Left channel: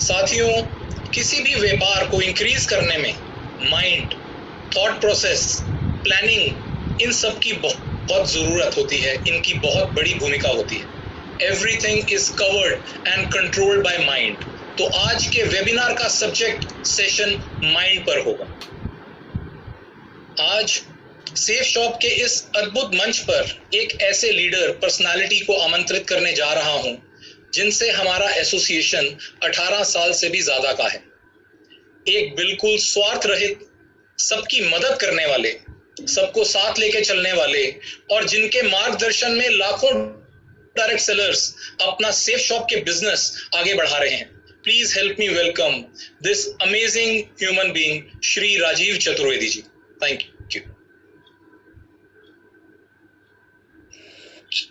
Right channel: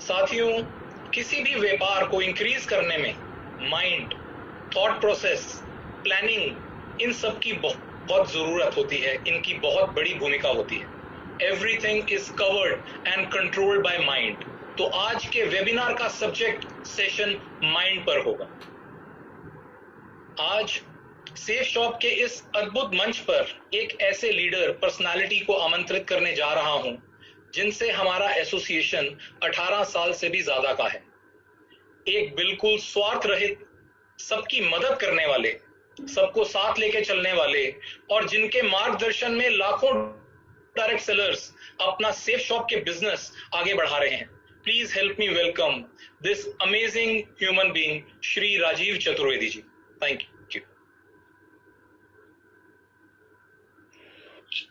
साथियों, किसी भी व्यापार को इंक्रीज करने में माइंड, थॉट प्रोसेस, प्लानिंग, इन सब की बहुत जरूरत होती है। इनकी बहुत बड़ी भूमिका होती है। Everything is covered and controlled by mind. तो आज के वेबिनार का सब्जेक्ट सेशन माइंड पर होगा। आज सेफ शॉप के इस अद्भुत मंच पर एक ऐसे लीडर पर्सनालिटी को आमंत्रित करने जा रहा हूं जिनसे हमारा एसोसिएशन 18 साल से भी ज्यादा का है। एक बिल्कुल स्वार्थ रहित, सबकी मदद करने वाले, सबको साथ लेके चलने वाले और जिनके मार्गदर्शन में लाखों डायरेक्ट सेलर्स अपना सेफ शॉप के बिजनेस आगे बढ़ा रहे हैं। Please help me welcome this amazing human being Shri Rajiv Chaturvedi ji. Thank you.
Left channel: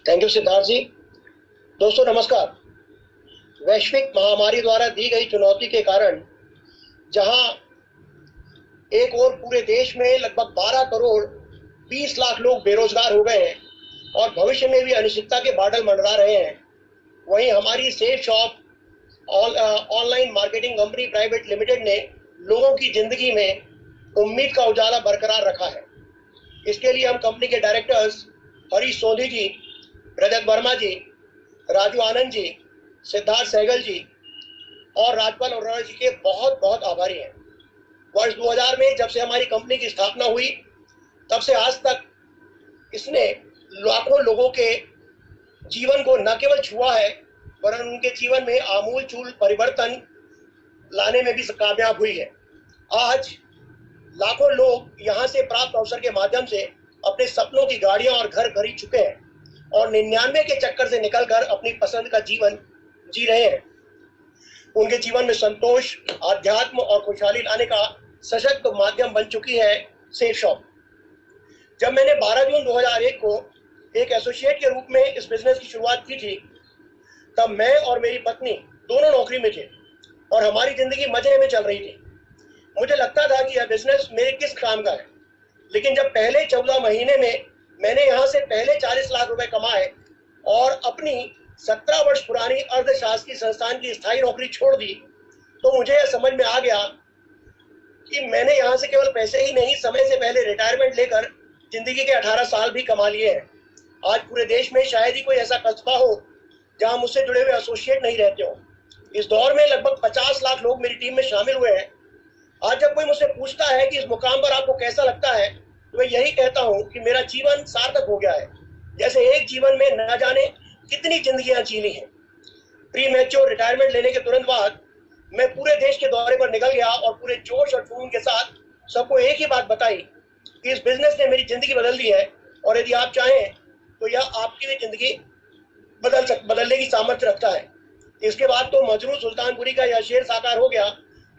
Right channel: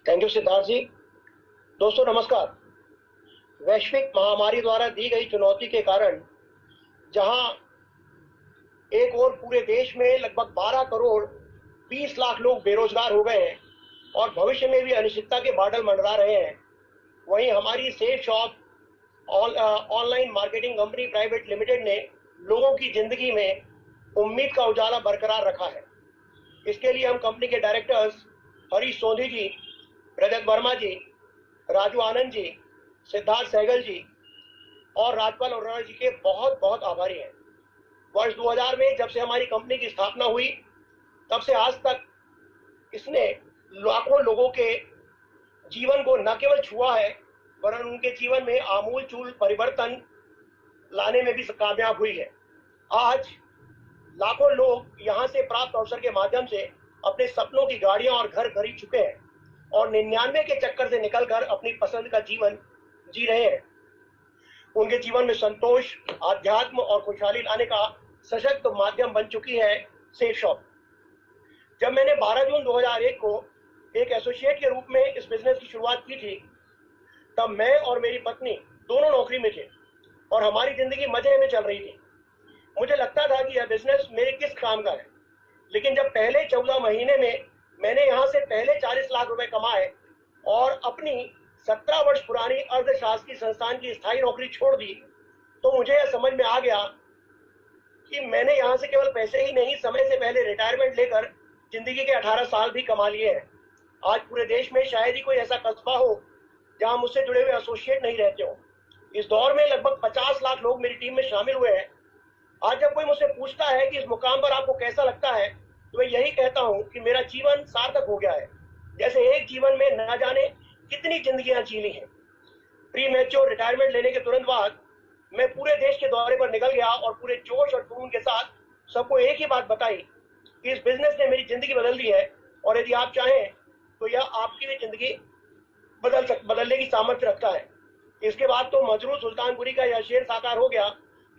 Thank you Siddharth ji. दोस्तों नमस्कार। वैश्विक महामारी द्वारा दी गई चुनौती के कारण जहां एक और पूरे देश में लगभग 12 करोड़ 20 लाख लोग बेरोजगार हो गए हैं और भविष्य में भी अनिश्चितता के बादल मंडरा रहे हैं, वहीं हमारी safe shop online marketing company private limited ने लोगों की जिंदगी में उम्मीद का उजाला बरकरार रखा है। इसके लिए हम कंपनी के डायरेक्टर्स हरीश सोधी जी, रजत वर्मा जी, राजू आनंद जी, सिद्धार्थ सहगल जी और राजपाल अरोड़ा जी के बहुत बहुत आभारी हैं। वर्ष 2000 में जब से हमारी कंपनी की स्थापना हुई तब से आज तक इसने लाखों लोगों के जीवन को न केवल छुआ है वरन उनके जीवन में आमूल-चूल परिवर्तन लाने में भी कामयाब हुई है। आज लाखों लोग यहाँ से प्राप्त अवसर के माध्यम से अपने सपनों की गाड़ियां और घर खरीद चुके हैं और 99 के चक्कर से निकलकर अपनी पसंद का जीवन जी रहे हैं। उनके जीवन में संतोष, आध्यात्म और खुशहाली लाने का सशक्त माध्यम बन चुकी है सेफ शॉप। जब मैंने 12 जून 2001 को एक एसोसिएट के रूप में इस बिजनेस की शुरुआत की थी तब मैं और मेरी पत्नी दोनों नौकरी में थे और हमारी जिंदगी मजे में चल रही थी। मुझे लगता था कि यह बिजनेस मेरे किस काम का है, लेकिन जब पहले 14 महीने में मैंने यहाँ से पहले 40 लाख रुपए कमाए और अपनी 17 वर्ष पुरानी अर्धशासकीय संस्थान की स्थायी नौकरी छोड़ दी तो मुझे यह समझ में आ गया कि मैंने यहाँ से केवल पैसे ही नहीं, समय से पहले रिटायरमेंट लेकर जिंदगी के 18 साल भी कमा लिए हैं। आज पूरे देश में शायद ही कोई ऐसा कस्बा हो जहाँ मुझसे जुड़े हुए एसोसिएट नहीं रहते हो। इस दौर में लगभग 50 लाख लोग मेरी टीम में शामिल हुए हैं। आज जब कोई मुझसे पूछता है कि इस मुकाम पर आपको कैसा लगता है तो मैं यही कहता हूँ कि मेरा जीवन सार्थक हो गया है, जैसे एक जीवन में न जाने कितनी जिंदगियां जी ली हैं। प्री मैच्योर रिटायरमेंट लेने के तुरंत बाद मैं पूरे देश के दौरे पर निकल गया और पूरे जोश और जुनून के साथ सबको एक ही बात बताई कि इस बिजनेस ने मेरी जिंदगी बदल दी है और यदि आप चाहें तो यह आपकी भी जिंदगी बदलने की सामर्थ्य रखता है। इसके बाद तो मजरूर सुल्तानपुरी का यह शेर साकार हो गया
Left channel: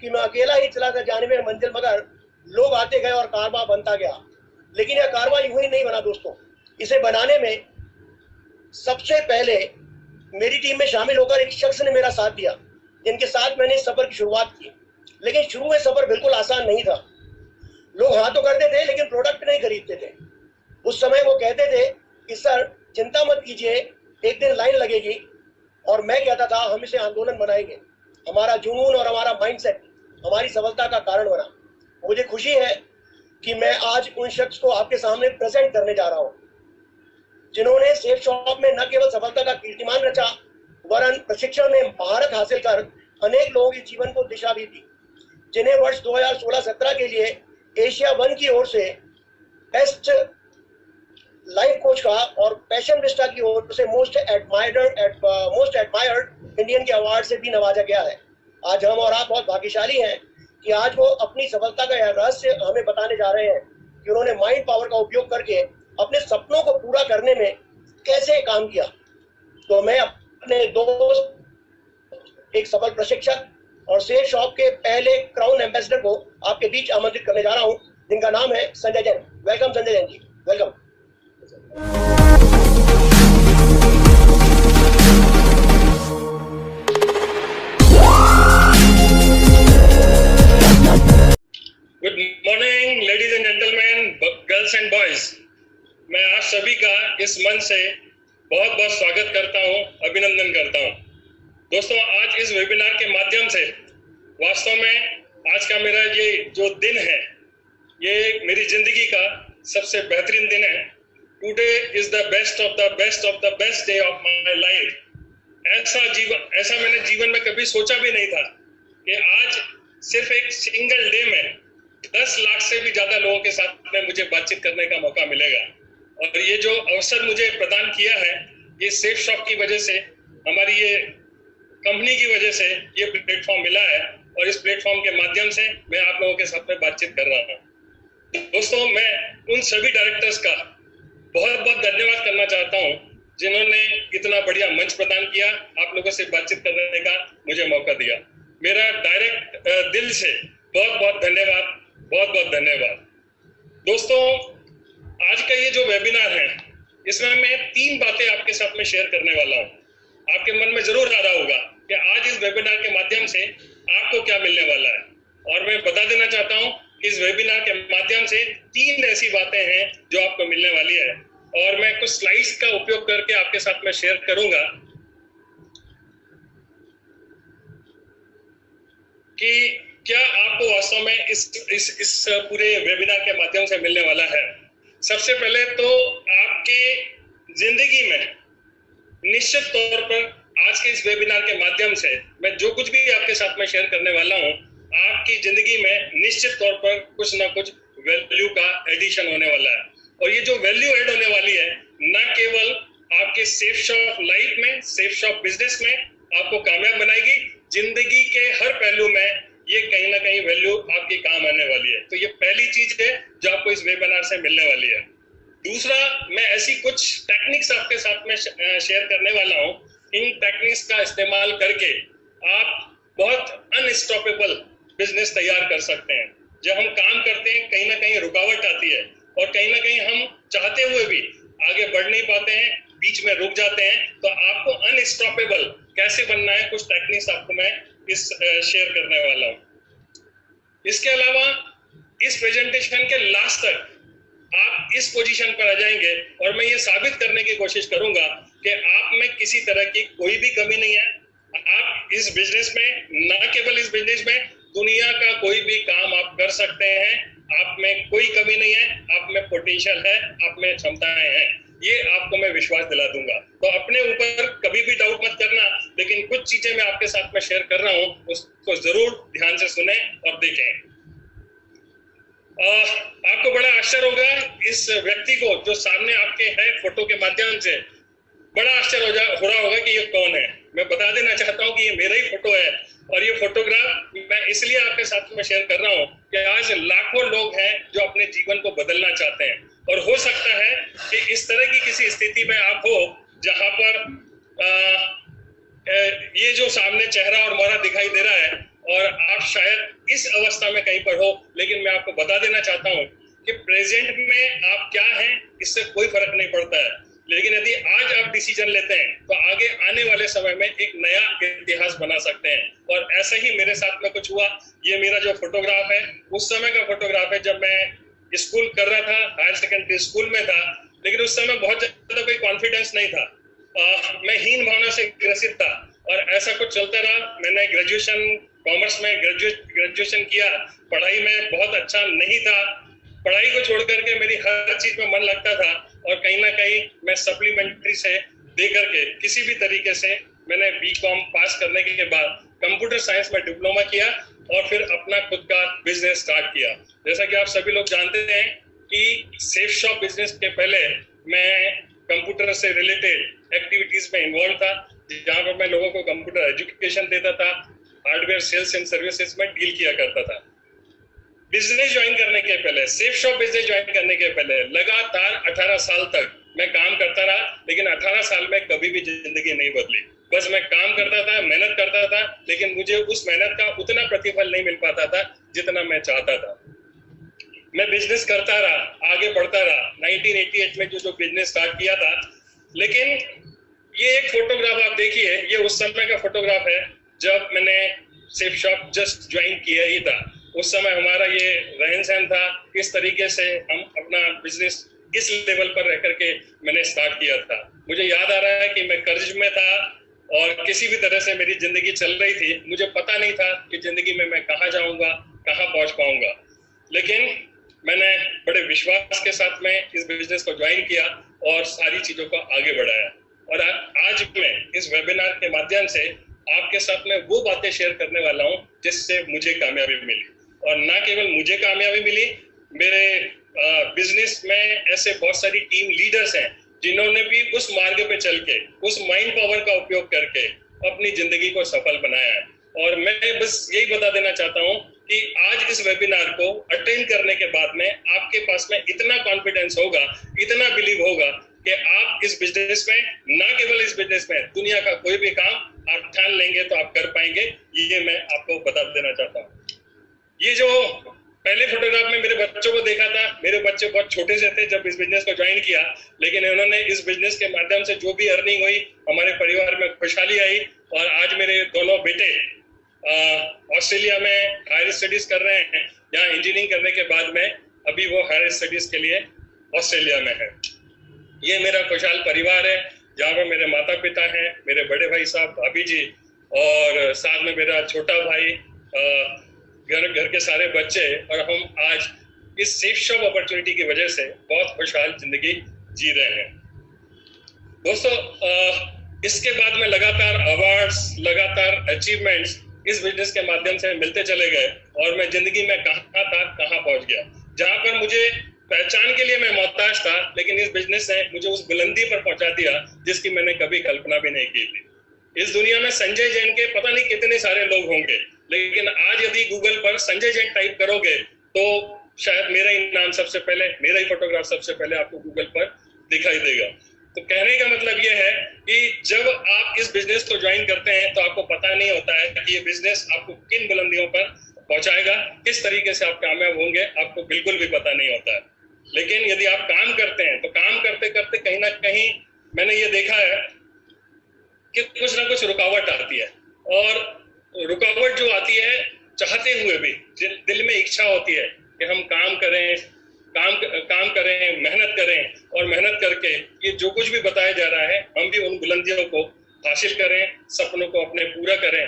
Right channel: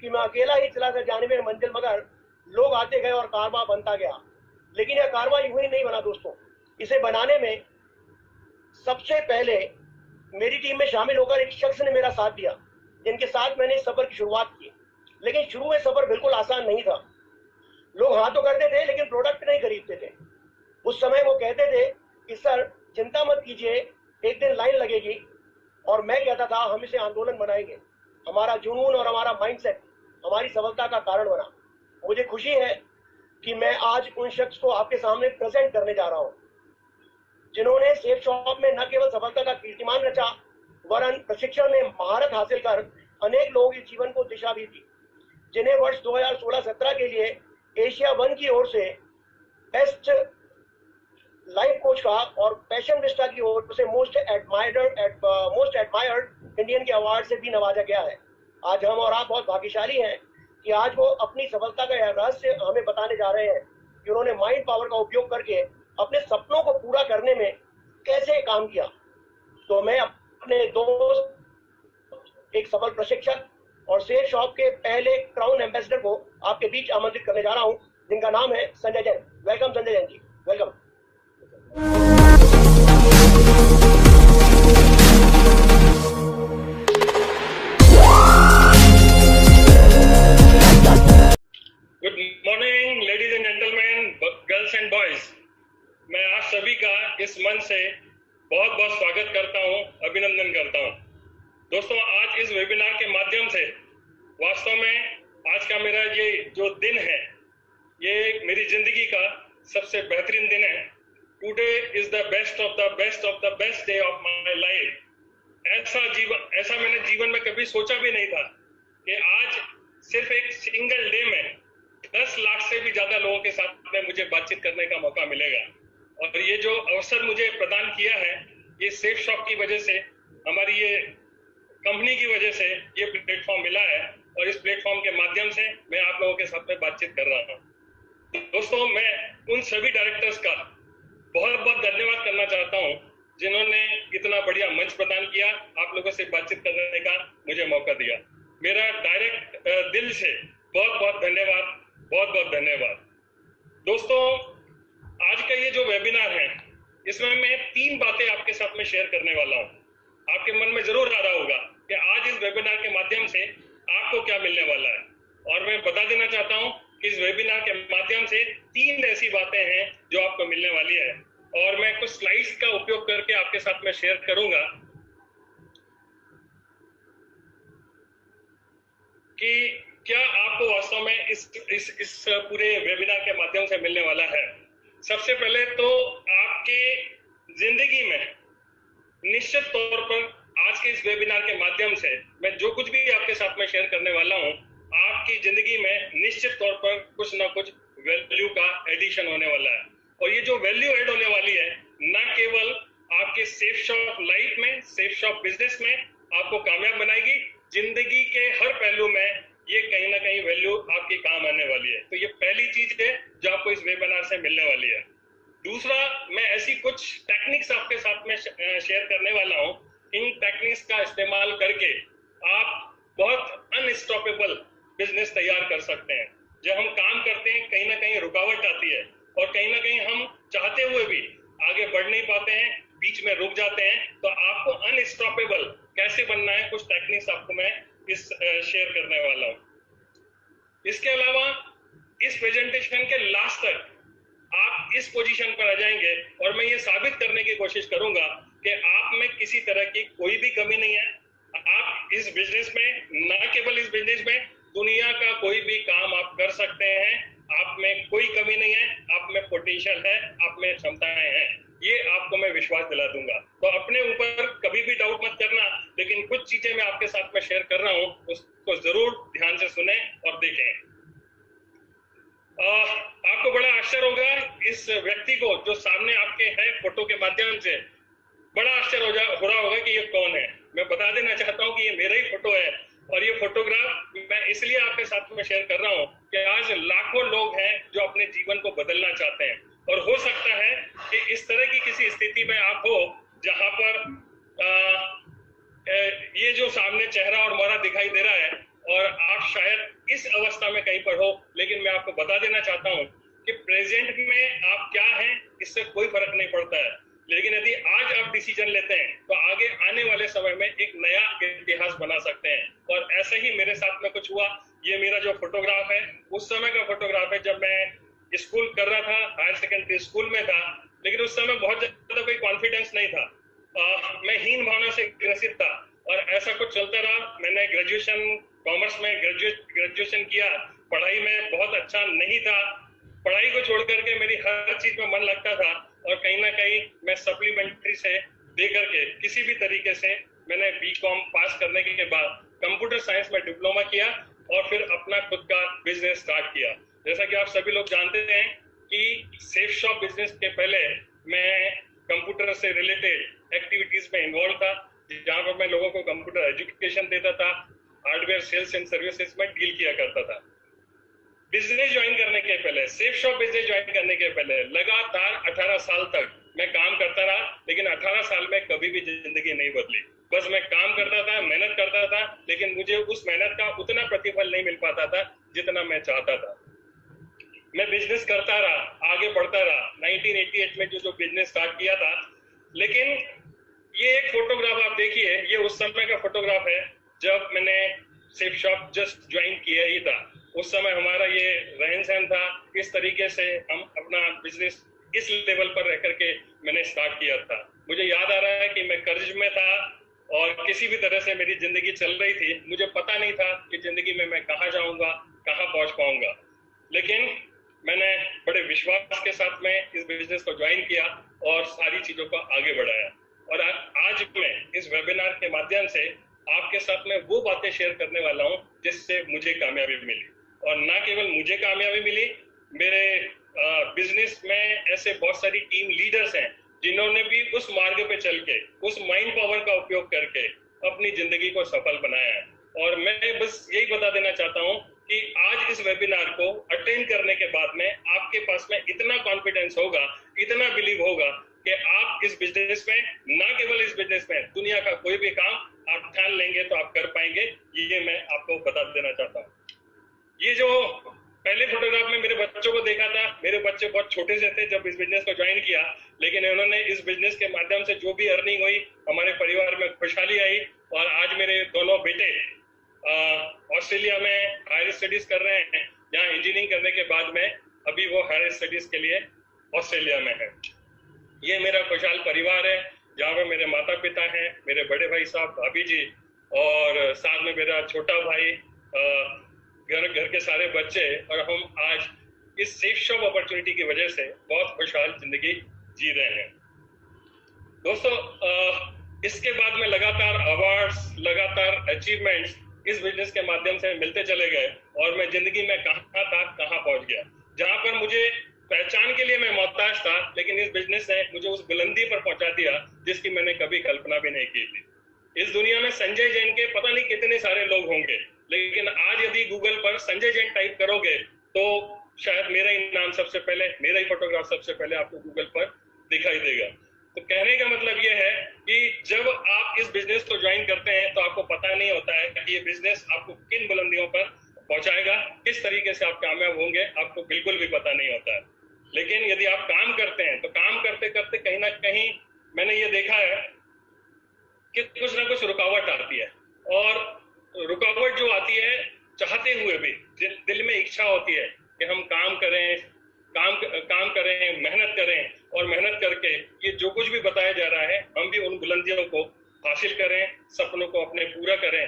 कि मैं अकेला ही चला था जाने में मंजिल, मगर लोग आते गए और कारवां बनता गया। लेकिन यह कारवां यूं ही नहीं बना दोस्तों, इसे बनाने में सबसे पहले मेरी टीम में शामिल होकर एक शख्स ने मेरा साथ दिया जिनके साथ मैंने इस सफर की शुरुआत की। लेकिन शुरू में सफर बिल्कुल आसान नहीं था। लोग हाँ तो करते थे लेकिन प्रोडक्ट नहीं खरीदते थे। उस समय वो कहते थे कि सर चिंता मत कीजिए, एक दिन लाइन लगेगी, और मैं कहता था हम इसे आंदोलन बनाएंगे। हमारा जुनून और हमारा माइंडसेट हमारी सफलता का कारण बना। मुझे खुशी है कि मैं आज उन शख्स को आपके सामने प्रेजेंट करने जा रहा हूं जिन्होंने सेफ शॉप में न केवल सफलता का कीर्तिमान रचा वरन प्रशिक्षण में महारत हासिल कर अनेक लोगों के जीवन को दिशा भी दी, जिन्हें वर्ष 2016-17 के लिए एशिया वन की ओर से बेस्ट लाइफ कोच का और पैशन विस्टा की ओर से मोस्ट एडमायर्ड इंडियन के अवार्ड से भी नवाजा गया है। आज हम और आप बहुत भाग्यशाली हैं कि आज वो अपनी सफलता का यह रहस्य हमें बताने जा रहे हैं कि उन्होंने माइंड पावर का उपयोग करके अपने सपनों को पूरा करने में कैसे काम किया। तो मैं अपने दोस्त, एक सफल प्रशिक्षक और सेफ शॉप के पहले क्राउन एम्बेसडर को आपके बीच आमंत्रित करने जा रहा हूं, जिनका नाम है Sanjay Jain. Welcome Sanjay Jain ji, welcome. Good morning ladies and gentleman, girls and boys. मैं आप सभी का इस मंच से बहुत बहुत स्वागत करता हूं, अभिनंदन करता हूं। दोस्तों, आज इस वेबिनार के माध्यम से वास्तव में आज का मेरा ये जो दिन है, ये मेरी जिंदगी का सबसे बेहतरीन दिन है। Today is the best of the best of the best day of my life. ऐसा मैंने जीवन में कभी सोचा भी नहीं था कि आज सिर्फ एक सिंगल डे में 10 लाख से भी ज्यादा लोगों के साथ में मुझे बातचीत करने का मौका मिलेगा। और ये जो अवसर मुझे प्रदान किया है, ये सेफ शॉप की वजह से, हमारी ये कंपनी की वजह से ये प्लेटफॉर्म मिला है, और इस प्लेटफॉर्म के माध्यम से मैं आप लोगों के साथ में बातचीत कर रहा हूँ। दोस्तों, मैं उन सभी डायरेक्टर्स का बहुत बहुत धन्यवाद करना चाहता हूँ जिन्होंने इतना बढ़िया मंच प्रदान किया, आप लोगों से बातचीत करने का मुझे मौका दिया। मेरा डायरेक्ट दिल से बहुत बहुत धन्यवाद, बहुत बहुत धन्यवाद। दोस्तों, आज का ये जो वेबिनार है, इसमें मैं 3 बातें आपके साथ में शेयर करने वाला हूँ। आपके मन में जरूर आ रहा होगा कि आज इस वेबिनार के माध्यम से आपको क्या मिलने वाला है, और मैं बता देना चाहता हूँ कि इस वेबिनार के माध्यम से 3 ऐसी बातें हैं जो आपको मिलने वाली है, और मैं कुछ स्लाइड्स का उपयोग करके आपके साथ में शेयर करूंगा कि क्या आपको वास्तव में इस पूरे वेबिनार के माध्यम से मिलने वाला है। सबसे पहले तो आपके जिंदगी में निश्चित तौर पर आज के इस वेबिनार के माध्यम से मैं जो कुछ भी आपके साथ में शेयर करने वाला हूं, आपकी जिंदगी में निश्चित तौर पर कुछ ना कुछ वैल्यू का एडिशन होने वाला है। और ये जो वैल्यू ऐड होने वाली है, न केवल आपके सेफ शॉप लाइफ में, सेफ शॉप बिजनेस में आपको कामयाब बनाएगी, जिंदगी के हर पहलू में ये कहीं ना कहीं वैल्यू आपके काम आने वाली है। तो ये पहली चीज है जो आपको इस वेबिनार से मिलने वाली है। दूसरा, मैं ऐसी कुछ टेक्निक्स आपके साथ में शेयर करने वाला हूँ। इन टेक्निक्स का इस्तेमाल करके आप बहुत अनस्टॉपेबल बिजनेस तैयार कर सकते हैं। जब हम काम करते हैं, कहीं ना कहीं रुकावट आती है, और कहीं ना कहीं हम चाहते हुए भी आगे बढ़ नहीं पाते हैं, बीच में रुक जाते हैं। तो आपको अनस्टॉपेबल कैसे बनना है, कुछ टेक्निक्स आपको मैं इस शेयर करने वाला हूँ। इसके अलावा इस प्रेजेंटेशन के लास्ट तक आप इस पोजीशन पर आ जाएंगे, और मैं ये साबित करने की कोशिश करूंगा कि आप में किसी तरह की कोई भी कमी नहीं है। आप इस बिजनेस में, ना केवल इस बिजनेस में, दुनिया का कोई भी काम आप कर सकते हैं। आप में कोई कमी नहीं है, आप में पोटेंशियल है, आप में क्षमताएं हैं, ये आपको मैं विश्वास दिला दूंगा। तो अपने ऊपर कभी भी डाउट मत करना, लेकिन कुछ चीजें मैं आपके साथ में शेयर कर रहा हूँ, उसको जरूर ध्यान से सुने और देखें। आपको बड़ा आश्चर्य होगा इस व्यक्ति को जो सामने आपके है फोटो के माध्यम से, बड़ा आश्चर्य हो रहा होगा कि ये कौन है। मैं बता देना चाहता हूँ कि ये मेरा ही फोटो है, और ये फोटोग्राफ मैं इसलिए आपके साथ में शेयर कर रहा हूँ कि आज लाखों लोग हैं जो अपने जीवन को बदलना चाहते हैं, और हो सकता है कि इस तरह की किसी स्थिति में आप हो जहां पर ये जो सामने चेहरा और मोहरा दिखाई दे रहा है, और आप शायद इस अवस्था में कहीं पर हो। लेकिन मैं आपको बता देना चाहता हूँ कि प्रेजेंट में आप क्या हैं इससे कोई फर्क नहीं पड़ता है, लेकिन यदि आज आप डिसीजन लेते हैं तो आगे आने वाले समय में एक नया इतिहास बना सकते हैं। और ऐसा ही मेरे साथ में कुछ हुआ। ये मेरा जो फोटोग्राफ है, उस समय का फोटोग्राफ है जब मैं स्कूल कर रहा था, हायर सेकेंडरी स्कूल में था, लेकिन उस समय बहुत ज्यादा कोई कॉन्फिडेंस नहीं था। मैं हीन भावना से ग्रसित था, और ऐसा कुछ चलता रहा। मैंने ग्रेजुएशन कॉमर्स में ग्रेजुएशन किया, पढ़ाई में बहुत अच्छा नहीं था। पढ़ाई को छोड़ करके मेरी हर चीज में मन लगता था, और कहीं ना कहीं मैं सप्लीमेंट्री से दे करके किसी भी तरीके से मैंने बीकॉम पास करने के बाद कंप्यूटर साइंस में डिप्लोमा किया, और फिर अपना खुद का बिजनेस स्टार्ट किया। जैसा कि आप सभी लोग जानते हैं कि सेफ शॉप बिजनेस के पहले मैं कंप्यूटर से रिलेटेड एक्टिविटीज में इन्वॉल्व था, जहाँ पर मैं लोगों को कंप्यूटर एजुकेशन देता था, हार्डवेयर सेल्स एंड सर्विसेज में डील किया करता था। बिजनेस ज्वाइन करने के पहले, सेफ शॉप बिजनेस ज्वाइन करने के पहले लगातार 18 साल तक मैं काम करता रहा, लेकिन 18 साल में कभी भी जिंदगी नहीं बदली। बस मैं काम करता था, मेहनत करता था, लेकिन मुझे उस मेहनत का उतना प्रतिफल नहीं मिल पाता था जितना मैं चाहता था। मैं बिजनेस करता रहा, आगे बढ़ता रहा। 1988 में जो बिजनेस स्टार्ट किया था, लेकिन ये एक फोटोग्राफ आप देखिए, ये उस समय का फोटोग्राफ है जब मैंने सेफ शॉप जस्ट ज्वाइन किया ही था। उस समय हमारा ये रहन सहन था, इस तरीके से हम अपना बिजनेस इस लेवल पर रह करके मैंने स्टार्ट किया था। मुझे याद आ रहा है कि मैं कर्ज में था, और किसी भी तरह से मेरी जिंदगी चल रही थी। मुझे पता नहीं था कि जिंदगी में मैं कहाँ जाऊंगा, कहाँ पहुंच पाऊंगा, लेकिन मैंने बड़े विश्वास के साथ में इस बिजनेस को ज्वाइन किया और सारी चीजों को आगे बढ़ाया। और आज मैं इस वेबिनार के माध्यम से आपके साथ में वो बातें शेयर करने वाला हूँ जिससे मुझे कामयाबी मिली। और ना केवल मुझे कामयाबी मिली, मेरे बिजनेस में ऐसे बहुत सारी टीम लीडर्स हैं जिन्होंने भी उस मार्ग पे चल के, उस माइंड पावर का उपयोग करके अपनी जिंदगी को सफल बनाया है। और मैं बस यही बता देना चाहता हूँ कि आज इस वेबिनार को अटेंड करने के बाद में आपके पास में इतना कॉन्फिडेंस होगा, इतना बिलीव होगा कि आप इस बिजनेस में, ना केवल इस बिजनेस में, दुनिया का कोई भी काम आप ठान लेंगे तो आप कर पाएंगे। ये मैं आपको बता देना चाहता हूँ। ये जो पहले फोटोग्राफ में मेरे बच्चों को देखा था, मेरे बच्चे बहुत छोटे से थे जब इस बिजनेस को ज्वाइन किया, लेकिन उन्होंने इस बिजनेस के माध्यम से जो भी अर्निंग हुई, हमारे परिवार में खुशहाली आई। और आज मेरे दोनों बेटे ऑस्ट्रेलिया में हायर स्टडीज कर रहे हैं। यहाँ इंजीनियरिंग करने के बाद में अभी वो हायर स्टडीज के लिए ऑस्ट्रेलिया में है। ये मेरा खुशहाल परिवार है जहाँ पर मेरे माता पिता हैं, मेरे बड़े भाई साहब, भाभी जी, और साथ में मेरा छोटा भाई, घर के सारे बच्चे। और हम आज इस सेफ शॉप अपॉर्चुनिटी की वजह से बहुत खुशहाल जिंदगी जी रहे हैं। दोस्तों, इसके बाद में लगातार अवार्ड्स, लगातार अचीवमेंट्स इस बिजनेस के माध्यम से मिलते चले गए और मैं जिंदगी में कहाँ था, कहाँ पहुंच गया। जहां पर मुझे पहचान के लिए मैं मोहताज था, लेकिन इस बिजनेस ने मुझे उस बुलंदी पर पहुंचा दिया जिसकी मैंने कभी कल्पना भी नहीं की थी। इस दुनिया में संजय जैन के पता नहीं कितने सारे लोग होंगे, लेकिन आज यदि गूगल पर संजय जैन टाइप करोगे तो शायद मेरा ही नाम सबसे पहले, मेरा ही फोटोग्राफ सबसे पहले आपको गूगल पर दिखाई देगा। तो कहने का मतलब यह है कि जब आप इस बिजनेस को ज्वाइन करते हैं तो आपको पता नहीं होता है कि ये बिजनेस आपको किन बुलंदियों पर पहुंचाएगा, किस तरीके से आप कामयाब होंगे, आपको बिल्कुल भी पता नहीं होता है। लेकिन यदि आप काम करते हैं तो काम करते करते कहीं ना कहीं मैंने ये देखा है कि कुछ ना कुछ रुकावट आती है। और रुकावट जो आती है, चाहते हुए भी दिल में इच्छा होती है कि हम काम करें, काम करें, मेहनत करें, और मेहनत करके ये जो कुछ भी बताया जा रहा है हम भी उन बुलंदियों को हासिल करें, सपनों को अपने पूरा करें।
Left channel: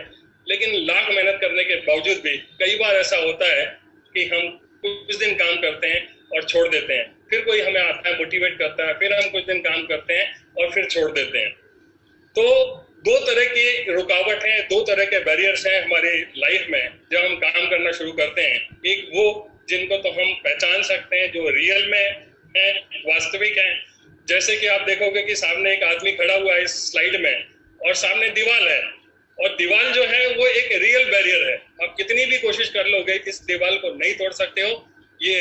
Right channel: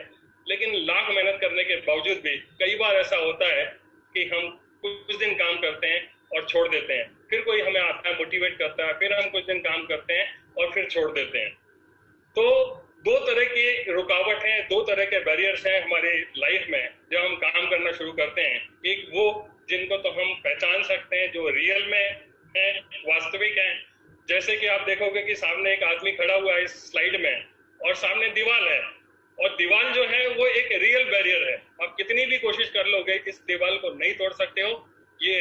लेकिन लाख मेहनत करने के बावजूद भी कई बार ऐसा होता है कि हम कुछ दिन काम करते हैं और छोड़ देते हैं, फिर कोई हमें आता है, मोटिवेट करता है, फिर हम कुछ दिन काम करते हैं और फिर छोड़ देते हैं। तो दो तरह की रुकावट हैं, दो तरह के बैरियर्स हैं हमारी लाइफ में जब हम काम करना शुरू करते हैं। एक वो जिनको तो हम पहचान सकते हैं, जो रियल में है, वास्तविक है। जैसे कि आप देखोगे कि सामने एक आदमी खड़ा हुआ है इस स्लाइड में और सामने दीवार है, और दीवार जो है वो एक रियल बैरियर है। आप कितनी भी कोशिश कर लोगे इस दीवार को नहीं तोड़ सकते हो। ये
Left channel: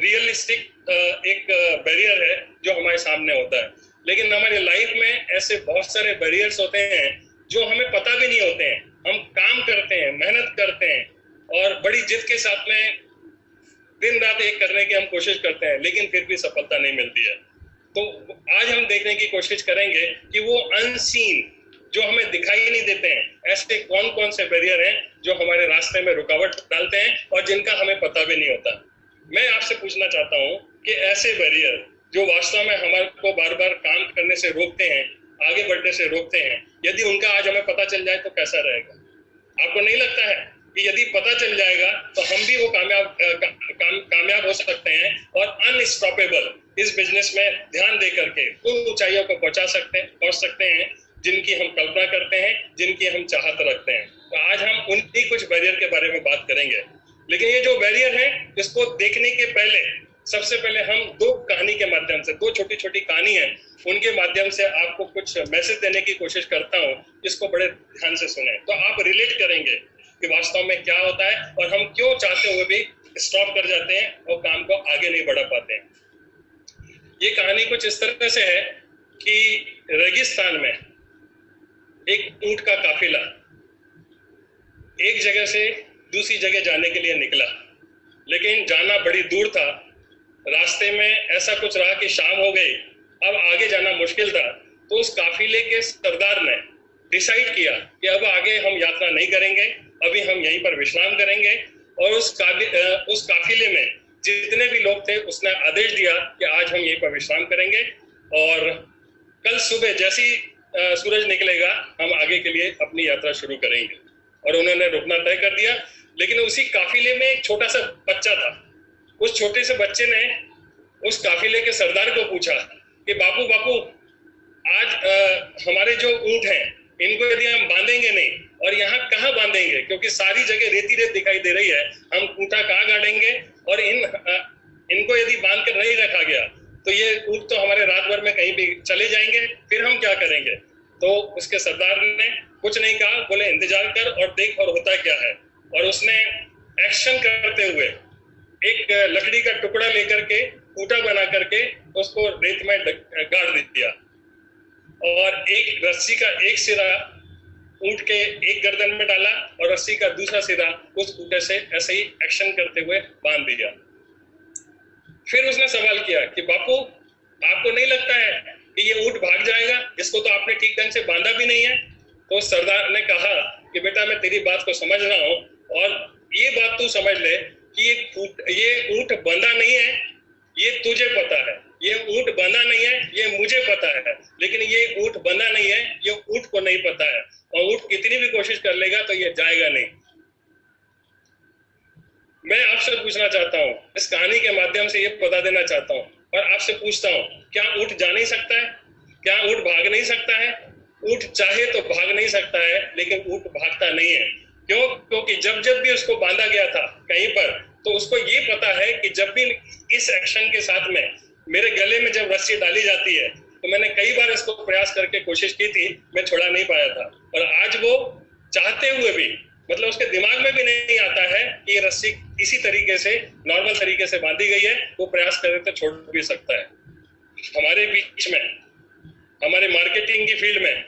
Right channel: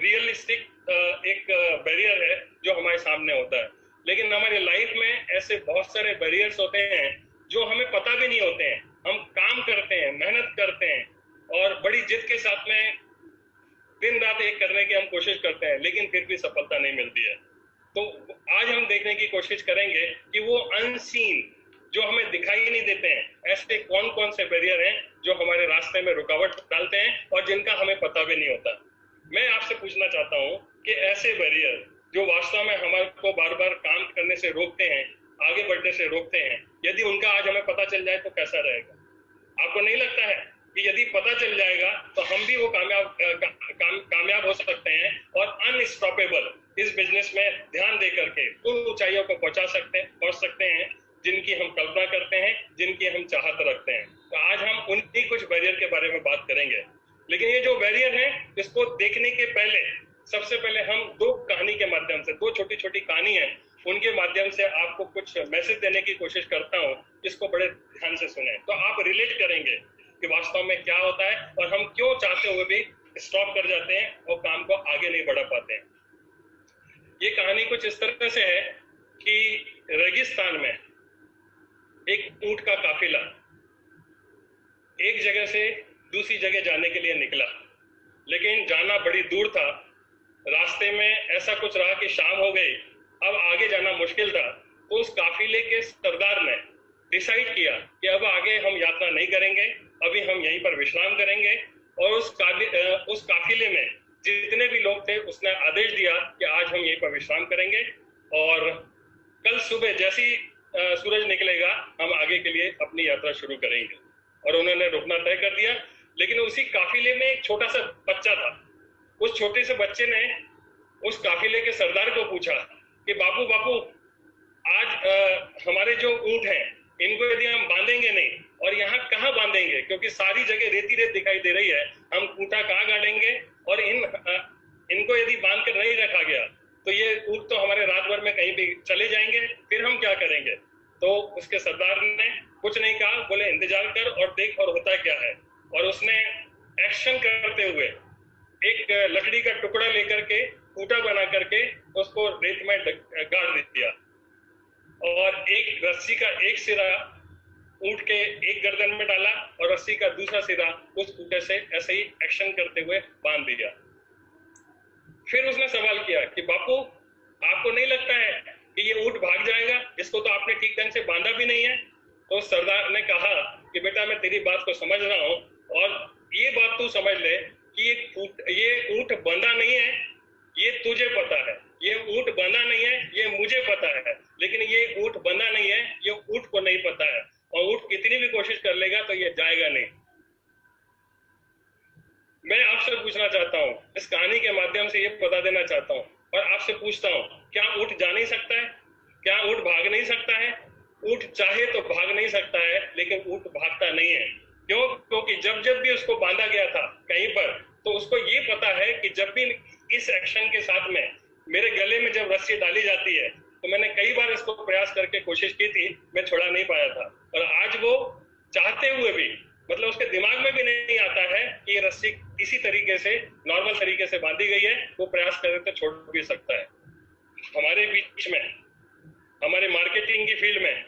रियलिस्टिक एक बैरियर है जो हमारे सामने होता है। लेकिन हमारी लाइफ में ऐसे बहुत सारे बैरियर्स होते हैं जो हमें पता भी नहीं होते हैं। हम काम करते हैं, मेहनत करते हैं और बड़ी जिद के साथ में दिन रात एक करने की हम कोशिश करते हैं, लेकिन फिर भी सफलता नहीं मिलती है। तो आज हम देखने की कोशिश करेंगे कि वो अनसीन जो हमें दिखाई नहीं देते हैं, ऐसे कौन कौन से बैरियर हैं जो हमारे रास्ते में रुकावट डालते हैं और जिनका हमें पता भी नहीं होता। मैं आपसे पूछना चाहता हूं कि ऐसे बैरियर जो वास्तव में हमारे को बार बार काम करने से रोकते हैं, आगे बढ़ने से रोकते हैं, यदि उनका आज हमें पता चल जाए तो कैसा रहेगा? आपको नहीं लगता है कि यदि पता चल जाएगा तो हम भी वो कामयाब हो सकते हैं और अनस्टॉपेबल इस बिजनेस में ध्यान दे करके उन ऊंचाइयों को पहुंच सकते हैं जिनकी हम कल्पना करते हैं, जिनकी हम चाहत रखते हैं। तो आज हम उन्हीं कुछ बैरियर के बारे में बात करेंगे। लेकिन ये जो बैरियर है, इसको देखने के पहले सबसे पहले हम दो कहानी के माध्यम से, दो छोटी छोटी कहानी है, उनके माध्यम से आपको कुछ मैसेज देने की कोशिश करता हूँ। इसको बड़े ध्यान से सुने तो आप रिलेट करेंगे कि वास्तव में क्या होता है और हम क्यों चाहते हुए भी स्टॉप कर जाते हैं और काम को आगे नहीं बढ़ा पाते हैं। ये कहानी कुछ इस तरह से है कि रेगिस्तान में एक ऊंट का काफिला एक जगह से दूसरी जगह जाने के लिए निकला, लेकिन जाना बड़ी दूर था। रास्ते में ऐसा कुछ रहा कि शाम हो गई, अब आगे जाना मुश्किल था। तो उस काफिले के सरदार ने डिसाइड किया कि अब आगे हम यात्रा नहीं करेंगे, अभी हम यहीं पर विश्राम करेंगे। और उस काफिले में जितने भी लोग थे उसने आदेश दिया कि आज हम यहीं पर विश्राम करेंगे और कल सुबह जैसी सूरज निकलेगा हम आगे के लिए अपनी यात्रा शुरू करेंगे। और उन्होंने रुकना तय कर दिया। लेकिन उसी काफिले में एक छोटा सा बच्चा था। उस छोटे से बच्चे ने उस काफिले के सरदार को पूछा कि बापू बापू, आज हमारे जो ऊंट हैं इनको यदि हम बांधेंगे नहीं, और यहाँ कहाँ बांधेंगे, क्योंकि सारी जगह रेती रेत दिखाई दे रही है, हम खूंटा कहाँ गाड़ेंगे, और इनको यदि बांध कर नहीं रखा गया तो ये ऊंट तो हमारे रात भर में कहीं भी चले जाएंगे, फिर हम क्या करेंगे। तो उसके सरदार ने कुछ नहीं कहा, बोले इंतजार कर और देख और होता क्या है। और उसने एक्शन करते हुए एक लकड़ी का टुकड़ा लेकर के खूंटा बना करके उसको रेत में गाड़ दिया, और एक रस्सी का एक सिरा ऊंट के एक गर्दन में डाला और रस्सी का दूसरा सिरा उस खूंटे से ऐसे ही एक्शन करते हुए बांध दिया। फिर उसने सवाल किया कि बापू, आपको नहीं लगता है कि ये ऊंट भाग जाएगा, इसको तो आपने ठीक ढंग से बांधा भी नहीं है। तो सरदार ने कहा कि बेटा, मैं तेरी बात को समझ रहा हूँ, और ये बात तू समझ ले कि ये ऊंट बंधा नहीं है, ये तुझे पता है। ये ऊंट बंधा नहीं है, ये मुझे पता है, लेकिन ये ऊंट बंधा नहीं है, ये ऊंट को नहीं पता है। और ऊंट कितनी भी कोशिश कर लेगा तो ये जाएगा नहीं। मैं आपसे पूछना चाहता हूँ, इस कहानी के माध्यम से ये बता देना चाहता हूँ और आपसे पूछता हूँ, क्या ऊंट जा नहीं सकता है? क्या ऊंट भाग नहीं सकता है? ऊंट चाहे तो भाग नहीं सकता है, लेकिन ऊंट भागता नहीं है। क्यों? क्योंकि जब जब भी उसको बांधा गया था कहीं पर, तो उसको ये पता है कि जब भी इस एक्शन के साथ में मेरे गले में जब रस्सी डाली जाती है, तो मैंने कई बार इसको प्रयास करके कोशिश की थी, मैं छोड़ा नहीं पाया था। और आज वो चाहते हुए भी, मतलब उसके दिमाग में भी नहीं आता है कि ये रस्सी इसी तरीके से नॉर्मल तरीके से बांधी गई है, वो प्रयास करे तो छोड़ भी सकता है। हमारे बीच में, हमारे मार्केटिंग की फील्ड में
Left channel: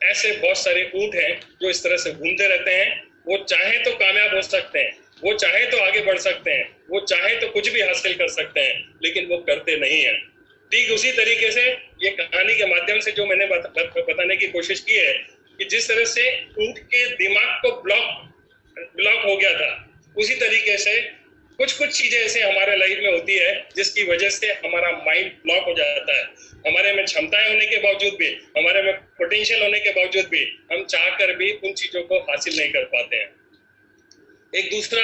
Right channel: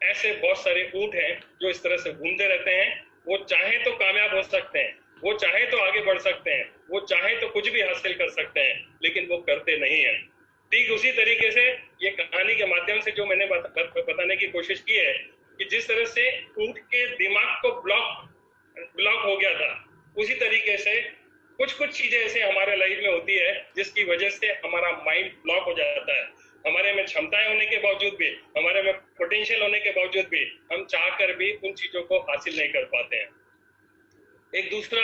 ऐसे बहुत सारे ऊंट हैं जो इस तरह से घूमते रहते हैं। वो चाहे तो कामयाब हो सकते हैं, वो चाहे तो आगे बढ़ सकते हैं, वो चाहे तो कुछ भी हासिल कर सकते हैं, लेकिन वो करते नहीं है। ठीक उसी तरीके से ये कहानी के माध्यम से जो मैंने बताने की कोशिश की है कि जिस तरह से ऊंट के दिमाग को ब्लॉक हो गया था, उसी तरीके से कुछ चीजें ऐसे हमारे लाइफ में होती है जिसकी वजह से हमारा माइंड ब्लॉक हो जाता है। हमारे में क्षमताएं होने के बावजूद भी, हमारे में पोटेंशियल होने के बावजूद भी, हम चाहकर भी उन चीजों को हासिल नहीं कर पाते हैं। एक दूसरा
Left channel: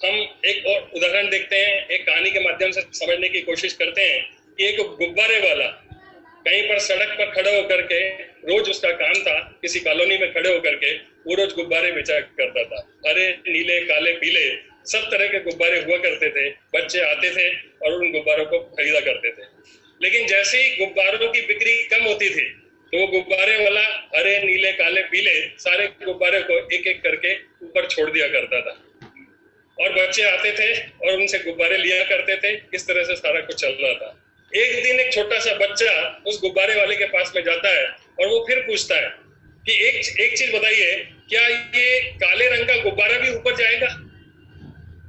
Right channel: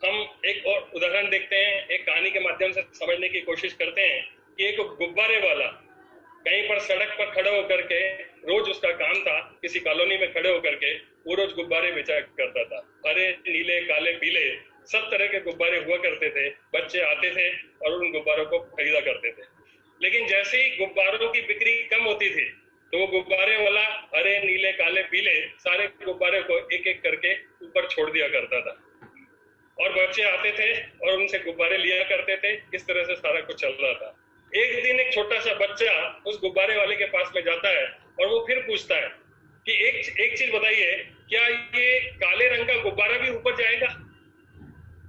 हम एक और उदाहरण देखते हैं, एक कहानी के माध्यम से समझने की कोशिश करते हैं कि एक गुब्बारे वाला कहीं पर सड़क पर खड़े होकर के, रोज उसका काम था किसी कॉलोनी में खड़े होकर के वो रोज गुब्बारे बेचा करता था। हरे, नीले, काले, पीले सब तरह के गुब्बारे हुआ करते थे। बच्चे आते थे और उन गुब्बारों को खरीदा करते थे। लेकिन जैसे ही गुब्बारों की बिक्री कम होती थी, तो वो गुब्बारे वाला हरे, नीले, काले, पीले सारे गुब्बारे को एक एक करके ऊपर छोड़ दिया करता था, और बच्चे आते थे और उनसे गुब्बारे लिया करते थे। इस तरह से सारा कुछ चल रहा था। एक दिन एक छोटा सा बच्चा उस गुब्बारे वाले के पास में जाता है और वो फिर पूछता है कि एक चीज बताइए, क्या ये काले रंग का गुब्बारा भी ऊपर जाएगा?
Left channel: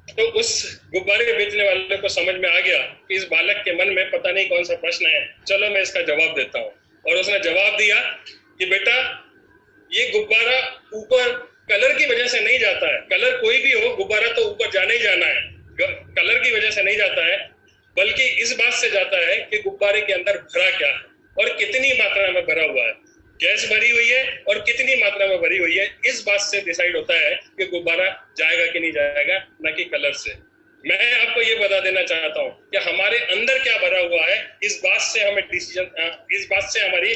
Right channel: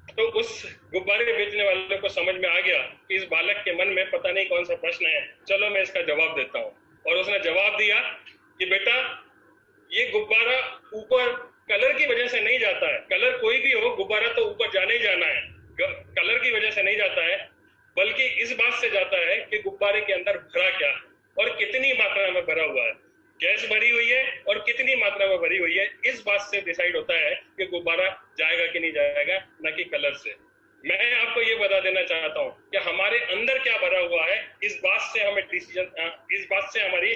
तो उस गुब्बारे बेचने वाले को समझ में आ गया कि इस बालक के मन में पता नहीं कौन सा प्रश्न है, चलो मैं इसका जवाब देता हूँ। और उसने जवाब दिया कि बेटा, ये गुब्बारा ऊपर कलर की वजह से नहीं जाता है। कलर कोई भी हो, गुब्बारा तो ऊपर जाना ही जाना है। कलर की वजह से नहीं जाता है, बल्कि इस बात से जाता है कि गुब्बारे के अंदर भरा क्या है और कितनी मात्रा में भरा हुआ है। गैस भरी हुई है और कितनी मात्रा में भरी हुई है, इस बात से डिसाइड होता है कि गुब्बारा जाएगा कि नहीं जाएगा, न कि कलर से। मैं आपको ये बता देना चाहता हूँ कि हमारे अंदर क्या भरा हुआ है, इस बात से हमें इस बात से हमारी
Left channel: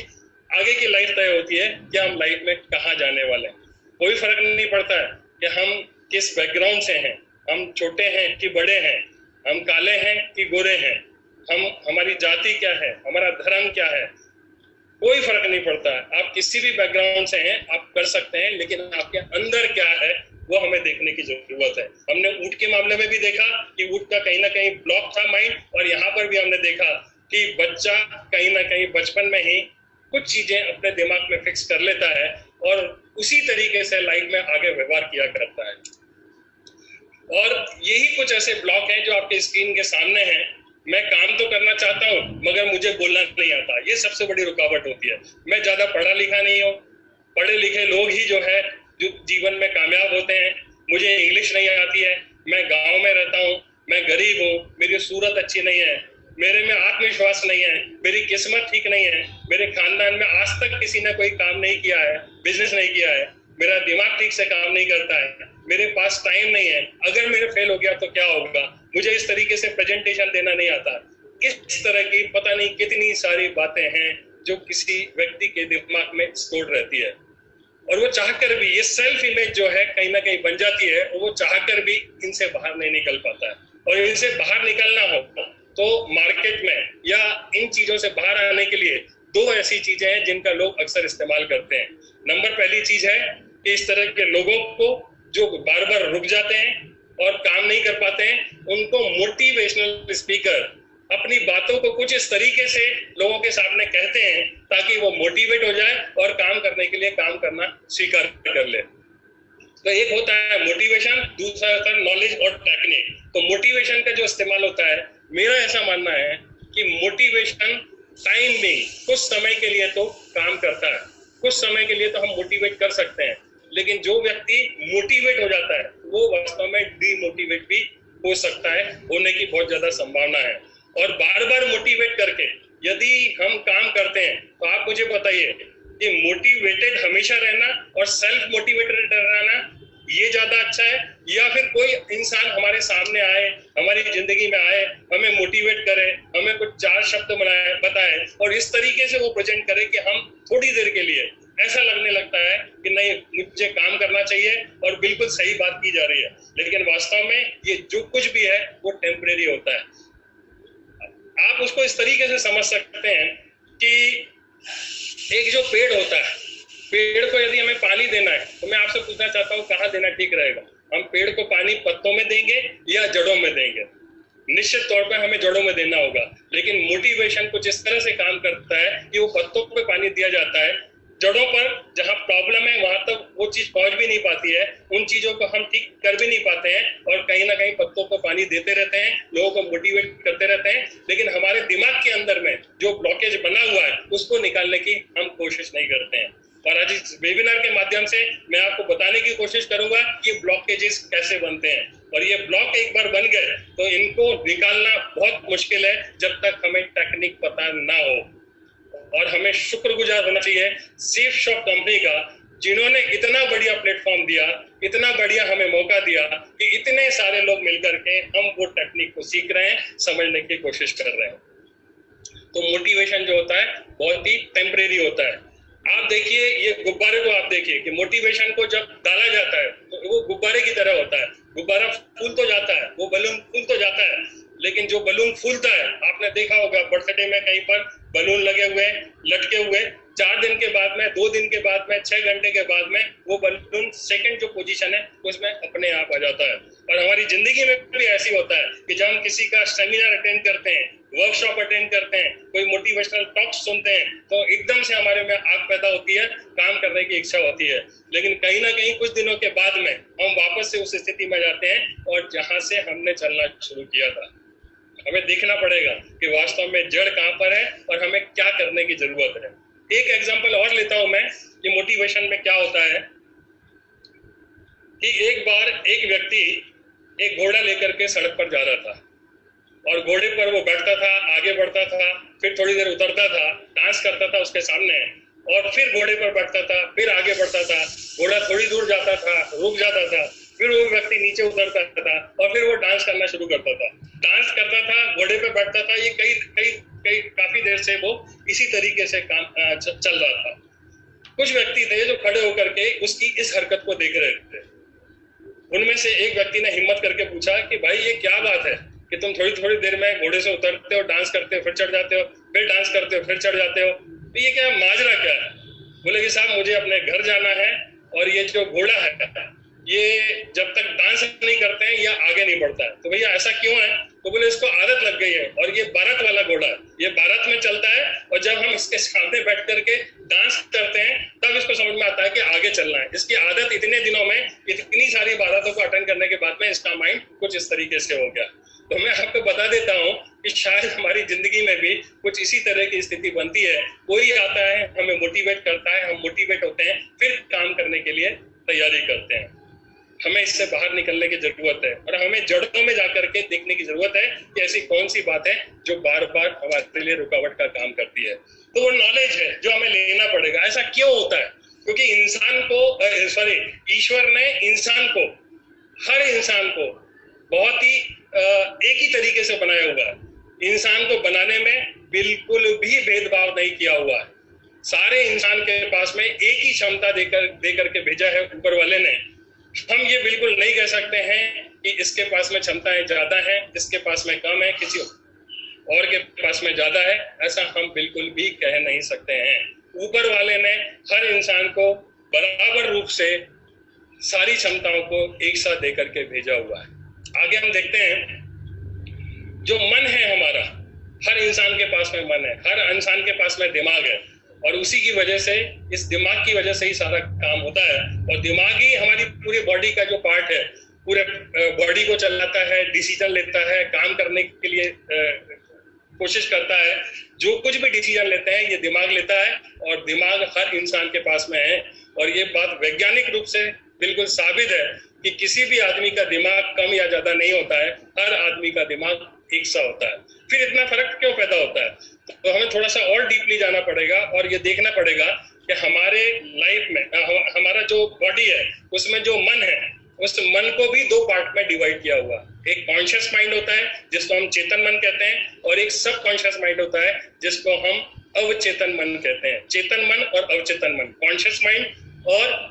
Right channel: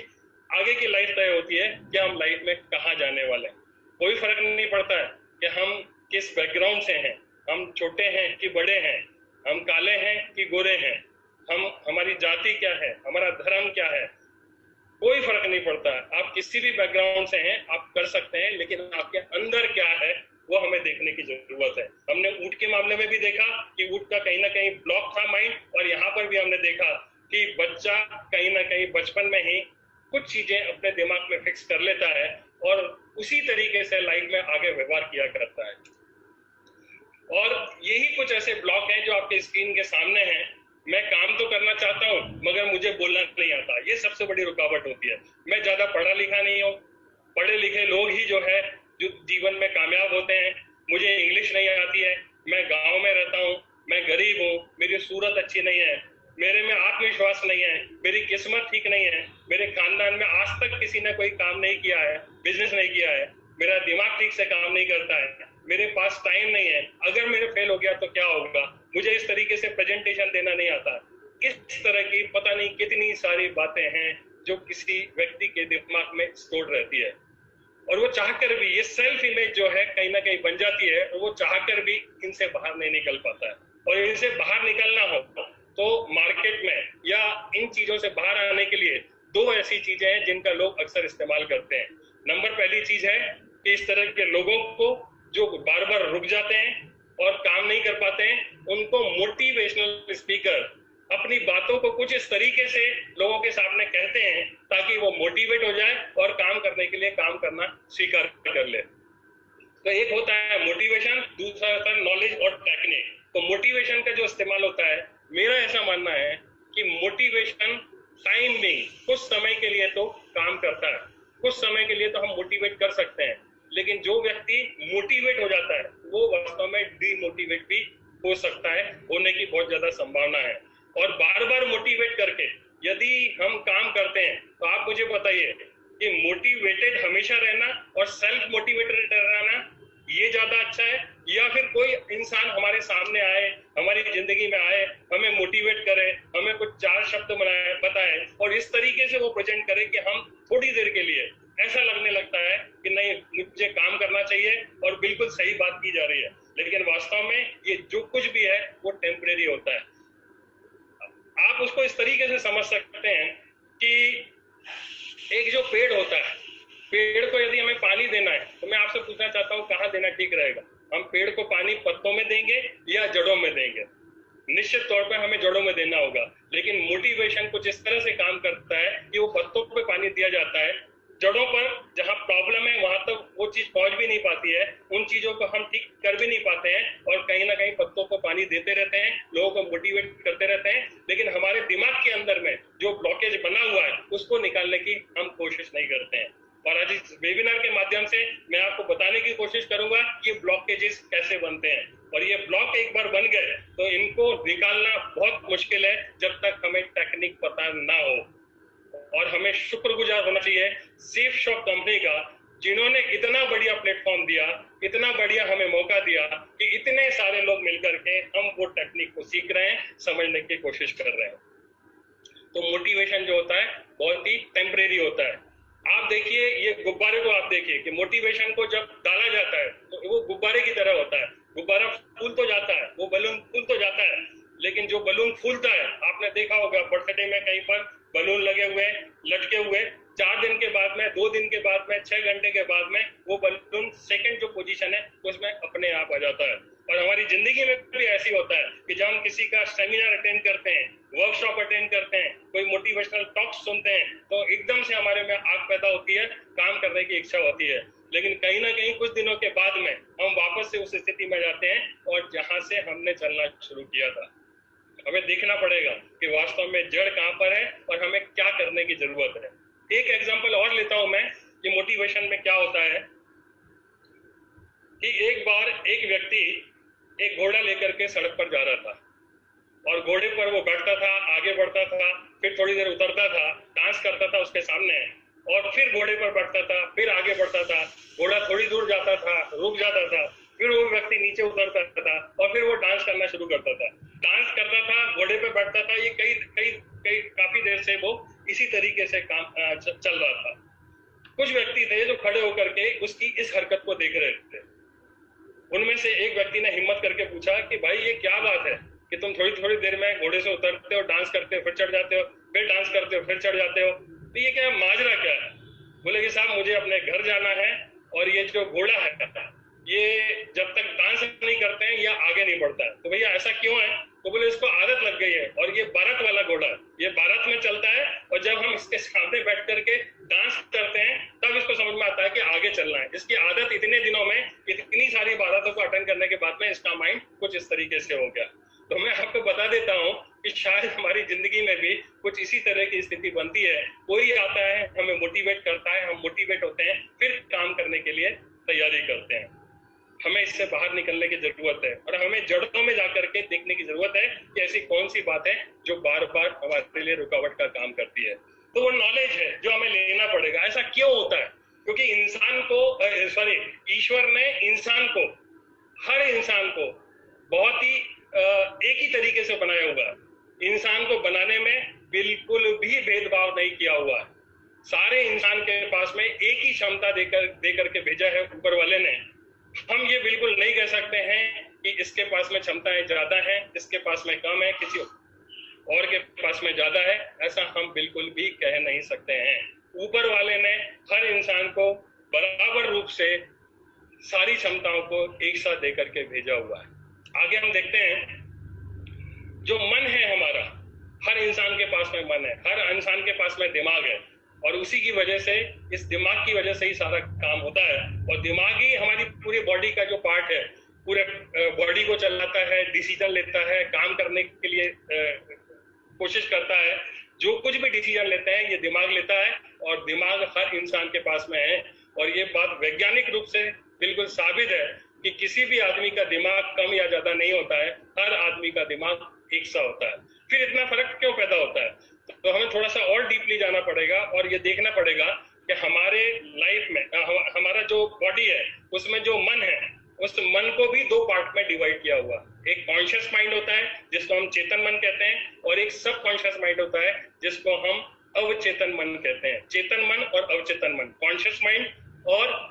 आगे की लाइफ तय होती है कि हम लाइफ में कहाँ जाने वाले हैं। कोई फर्क नहीं पड़ता है कि हम किस बैकग्राउंड से हैं, हम छोटे हैं कि बड़े हैं, हम काले हैं कि गोरे हैं, हमारी जाति क्या है, हमारा धर्म क्या है, कोई फर्क नहीं पड़ता है। आप किसी भी बैकग्राउंड से हैं, आप कर सकते हैं, लेकिन आपके अंदर क्या है वो हमें देखने की जरूरत है। हमने ऊंट के मामले में भी देखा कि ऊंट का कहीं ना कहीं ब्लॉक था माइंड, और यहाँ पर भी हमने देखा कि बच्चा कहीं ना कहीं बचपन में ही कुछ चीजें अपने दिमाग में फिक्स कर लेता है और उसी तरीके से लाइफ में आगे व्यवहार किया करता है। और यही कुछ ऐसे ब्लॉक हैं जो आपके स्क्रीन के सामने हैं। मैं काम तो करना चाहता हूँ मगर मुझे बोलना नहीं आता, ये सबसे बड़ी रुकावट होती है। मैं ज्यादा पढ़ा लिखा नहीं हूँ, पढ़े लिखे लोग ही जो है जो जीवन में कामयाब होते हैं। मुझे इंग्लिश नहीं आती है, मैं गांव में रहता हूँ, मैं गरीब हूँ, मेरी सूरत अच्छी नहीं है, मेरे में आत्मविश्वास नहीं है, मेरी किस्मत ठीक नहीं है, मेरे खानदान में आज तक किसी ने कोई काम नहीं किया है, बिजनेस नहीं किया है, मेरा दिमाग ठीक से काम नहीं करता है, मेरे पास टाइम नहीं है, अगर मेरे फेल हो गया तो क्या होगा, मुझे इस तरीके से प्रेजेंटेशन देना नहीं आता। इस तरह की पता नहीं कितनी सारी बातें हैं जो किसी व्यक्ति के दिमाग में स्टोर रहती है, और वो चाहकर भी ये सेल्फ इमेज जो है कहीं ना कहीं बन जाती है, और वो चाहकर भी इनसे बाहर नहीं निकल पाता है। और इनसे बाहर निकलना हो तो मार्केट में या इन चीजों से बाहर आने के लिए दो ऐसी चीजें हैं जिनका लोग अक्सर इस्तेमाल करते हैं। नंबर पहली चीज है कि इस तरह के लोगों को जो बार बार रुक जाते हैं और काम नहीं कर पाते हैं, उनको मोटिवेशनल स्पीकर अपनी बातों को कुछ इस तरीके से लोगों के सामने कहते हैं ताकि वो मोटिवेट हो जाए और काम करने के लिए काम करना स्वीकार कर ले। तो एक होता है मोटिवेशन, दूसरा होता है नॉलेज और टेक्निक। तो मोटिवेशन का जो इस्तेमाल होता है, मेरा ऐसा मानना है कि मोटिवेशन टाइम में कुछ समय के लिए तो काम करता है, कुछ समय के लिए तो हम मोटिवेट कर सकते हैं, लेकिन जो व्यक्ति मोटिवेट हो जाता है वो वास्तव में डीमोटिवेट भी हो सकता है, होने की बहुत ज्यादा संभावना है। और बार बार मोटिवेट करके यदि हम काम करते हैं तो आप मुझे बताइए कि मोटिवेटेड हमेशा रहना और सेल्फ मोटिवेटेड रहना ये ज्यादा अच्छा है, या फिर कोई इंसान हमारे सामने आए, हमारी जिंदगी में आए, हमें मोटिवेट करे, हमें कुछ चार शब्द बताए और इस तरीके से वो प्रेजेंट करे कि हम थोड़ी देर के लिए ऐसा लगने लगता है कि नहीं मुझे काम करना चाहिए और बिल्कुल सही बात की जा रही है, लेकिन वास्तव में ये जो कुछ भी है वो टेम्परेरी होता है। आप उसको इस तरीके से समझ सकते हैं कि एक जो पेड़ होता है, पेड़ को यदि हमें पानी देना है तो मैं आपसे पूछना चाहता हूँ कहाँ देना ठीक रहेगा? हम पेड़ को पानी पत्तों में देंगे या जड़ों में देंगे? निश्चित तौर पे हमें जड़ों में देना होगा, लेकिन मोटिवेशन कुछ इस तरह से काम करता है कि वो पत्तों पे पानी दिया जाता है, जड़ों पर जहाँ प्रॉब्लम है वहां तक वो चीज पहुंच भी नहीं पाती है, उन चीजों को हम ठीक कर भी नहीं पाते हैं, और कहीं ना कहीं पत्तों को पानी देते रहते हैं, लोगों को मोटिवेट करते रहते हैं, लेकिन हमारे दिमाग के अंदर में जो ब्लॉकेज बना हुआ है उसको निकालने की हम कोशिश नहीं करते हैं। और आज इस वेबिनार के माध्यम से मैं आपको बताने की कोशिश करूंगा कि ये ब्लॉकेजेस कैसे बनते हैं, और ये ब्लॉक एक बार बन गए तो इनको निकालना बहुत मुश्किल है जब तक हमें टेक्निक पता ना हो। और हमें शुक्रगुजार होना चाहिए सेफ शॉप कंपनी का, जिन्होंने इतना बढ़िया प्लेटफॉर्म दिया, इतना बढ़िया हमें मौका दिया कि इतने सारे लोग मिलकर के हम वो टेक्निक को सीख रहे हैं, समझने की कोशिश कर रहे हैं। तो मोटिवेशन जो होता है बहुत ही टेम्परेरी होता है। आप देखिए ये गुब्बारे को, आप देखिए कि मोटिवेशन को जब डाला जाता है तो वो गुब्बारे की तरह होता है, गुब्बारा फूल तो जाता है, वो बलून फूल तो जाता है, लेकिन जो बलून फूलता है, आपने देखा होगा बर्थडे में कहीं पर बलून लगे हुए लटके हुए, 4 दिन के बाद में, 2 दिन के बाद में, 6 घंटे के बाद में वो बलून सेकंड जो पोजीशन है उसमें अपने आप आ जाता है। और हमारी जिंदगी में भी ऐसी होता है कि जब हम किसी का सेमिनार अटेंड करते हैं, वर्कशॉप अटेंड करते हैं, कोई मोटिवेशनल टॉक्स सुनते हैं, तो एकदम से हमारे में आग पैदा होती है, काम करने की इच्छा होती है, लेकिन कहीं ना कहीं कुछ दिनों के बाद में हम वापस से उस स्थिति में जाते हैं और जहां से हमने चलना शुरू किया था। हमें देखना पड़ेगा कि वास्तव में जड़ कहां पर है और हमें क्या करने की जरूरत है। एक एग्जांपल और लेता हूं मैं कि मोटिवेशन में क्या होता है कि एक बार एक व्यक्ति एक घोड़ा लेकर के सड़क पर जा रहा था और घोड़े पर वो बैठता था, आगे बढ़ता था, फिर थोड़ी देर उतरता था, डांस करता था उसके सामने, और फिर घोड़े पर बैठता था, फिर आगे बढ़ता था, घोड़ा थोड़ी दूर जाता था, रुक जाता था, फिर वो व्यक्ति नीचे उतरता था और फिर वो डांस करना शुरू करता था, डांस करता था, घोड़े पे बैठता था। ये काफी देर से वो इसी तरीके से काम चल रहा था। कुछ व्यक्ति थे जो खड़े होकर के उसकी इस हरकत को देख रहे थे। उनमें से एक व्यक्ति ने हिम्मत करके पूछा कि भाई ये क्या बात है कि तुम थोड़ी देर में घोड़े से उतरते हो, डांस करते हो, फिर चढ़ जाते हो, फिर डांस करते हो, फिर चढ़ जाते हो, तो ये क्या माजरा क्या है? बोले कि साहब मुझे अपने घर जाना है और ये जो घोड़ा है ये जब तक डांस नहीं करते हैं या आगे नहीं बढ़ता है। तो भैया ऐसा क्यों है? तो बोले इसको आदत लग गई है और ये भारत वाला घोड़ा है, ये भारत में चलता है और जब हम इसके सामने बैठ करके डांस करते हैं तब इसको समझ में आता है कि आगे चलना है। इसकी आदत इतने दिनों में इतनी सारी भारतों को अटेंड करने के बाद में इसका माइंड कुछ इस तरीके से हो गया। तो मैं आपको बता देता हूँ कि शायद हमारी जिंदगी में भी कुछ इसी तरह की स्थिति बनती है। कोई आता है, हमें मोटिवेट करता है, हम मोटिवेट होते हैं, फिर काम करने के लिए तैयारी करते हैं। हमें इससे बाहर निकलने की जरूरत है और हमें जड़ों में जाकर के देखने की जरूरत है कि ऐसी कौन सी बात है जो बार बार हमारे लिए रुकावट का काम करती है। तो वो नॉलेज है जो हमें लेना पड़ेगा। ऐसा क्यों होता है? क्योंकि ईश्वर ने इंसान को, हर इंसान को बहुत ही एक ही तरीके से बनाया हुआ है। इंसान को बनाने में बिल्कुल भी भेदभाव नहीं किया हुआ है। सारे इंसान के पास में एक ही क्षमता देकर के भेजा है ऊपर वाले ने। हम ये बिल्कुल नहीं कह सकते हैं कि इसके पास में क्षमताएं ज्यादा है, इसके पास में कम है, किसी और के पास में ज्यादा है, ऐसा हम बिल्कुल भी कह नहीं सकते हैं। ऊपर वाले ने हर इंसान को बराबर रूप से सारी क्षमताओं को एक साथ देकर के भेजा हुआ है। आगे हम देखते हैं, जो मन है हमारा, हर इंसान के पास में मन है, हर इंसान के पास में दिमाग है और उसी की वजह से, इस दिमाग की वजह से ही सारा काम होता है। और दिमाग ही हमारी पूरी बॉडी का जो पार्ट है, पूरे बॉडी को चलाता है, डिसीजन लेता है, काम करने के लिए कोशिश करता है। जो कुछ भी डिसीजन लेते हैं ये दिमाग लेता है और दिमाग हर इंसान के पास में है। और ये बात वैज्ञानिक रूप से बिल्कुल साबित है कि किसी भी आदमी का दिमाग कम या ज्यादा नहीं होता है, हर आदमी का दिमाग एक सा होता है। फिर इतना फर्क क्यों पैदा होता है? तो हमें थोड़ा सा और डीपली जाना पड़ेगा और ये देखना पड़ेगा कि हमारे लाइफ में हमारा जो बॉडी है उसमें जो मन है, उस मन को भी दो पार्ट में डिवाइड किया हुआ। एक कॉन्शियस माइंड होता है जिसको हम चेतन मन कहते हैं, और एक सब कॉन्शियस माइंड होता है जिसको हम अवचेतन मन कहते हैं। चेतन मन और अवचेतन मन, कॉन्शियस माइंड और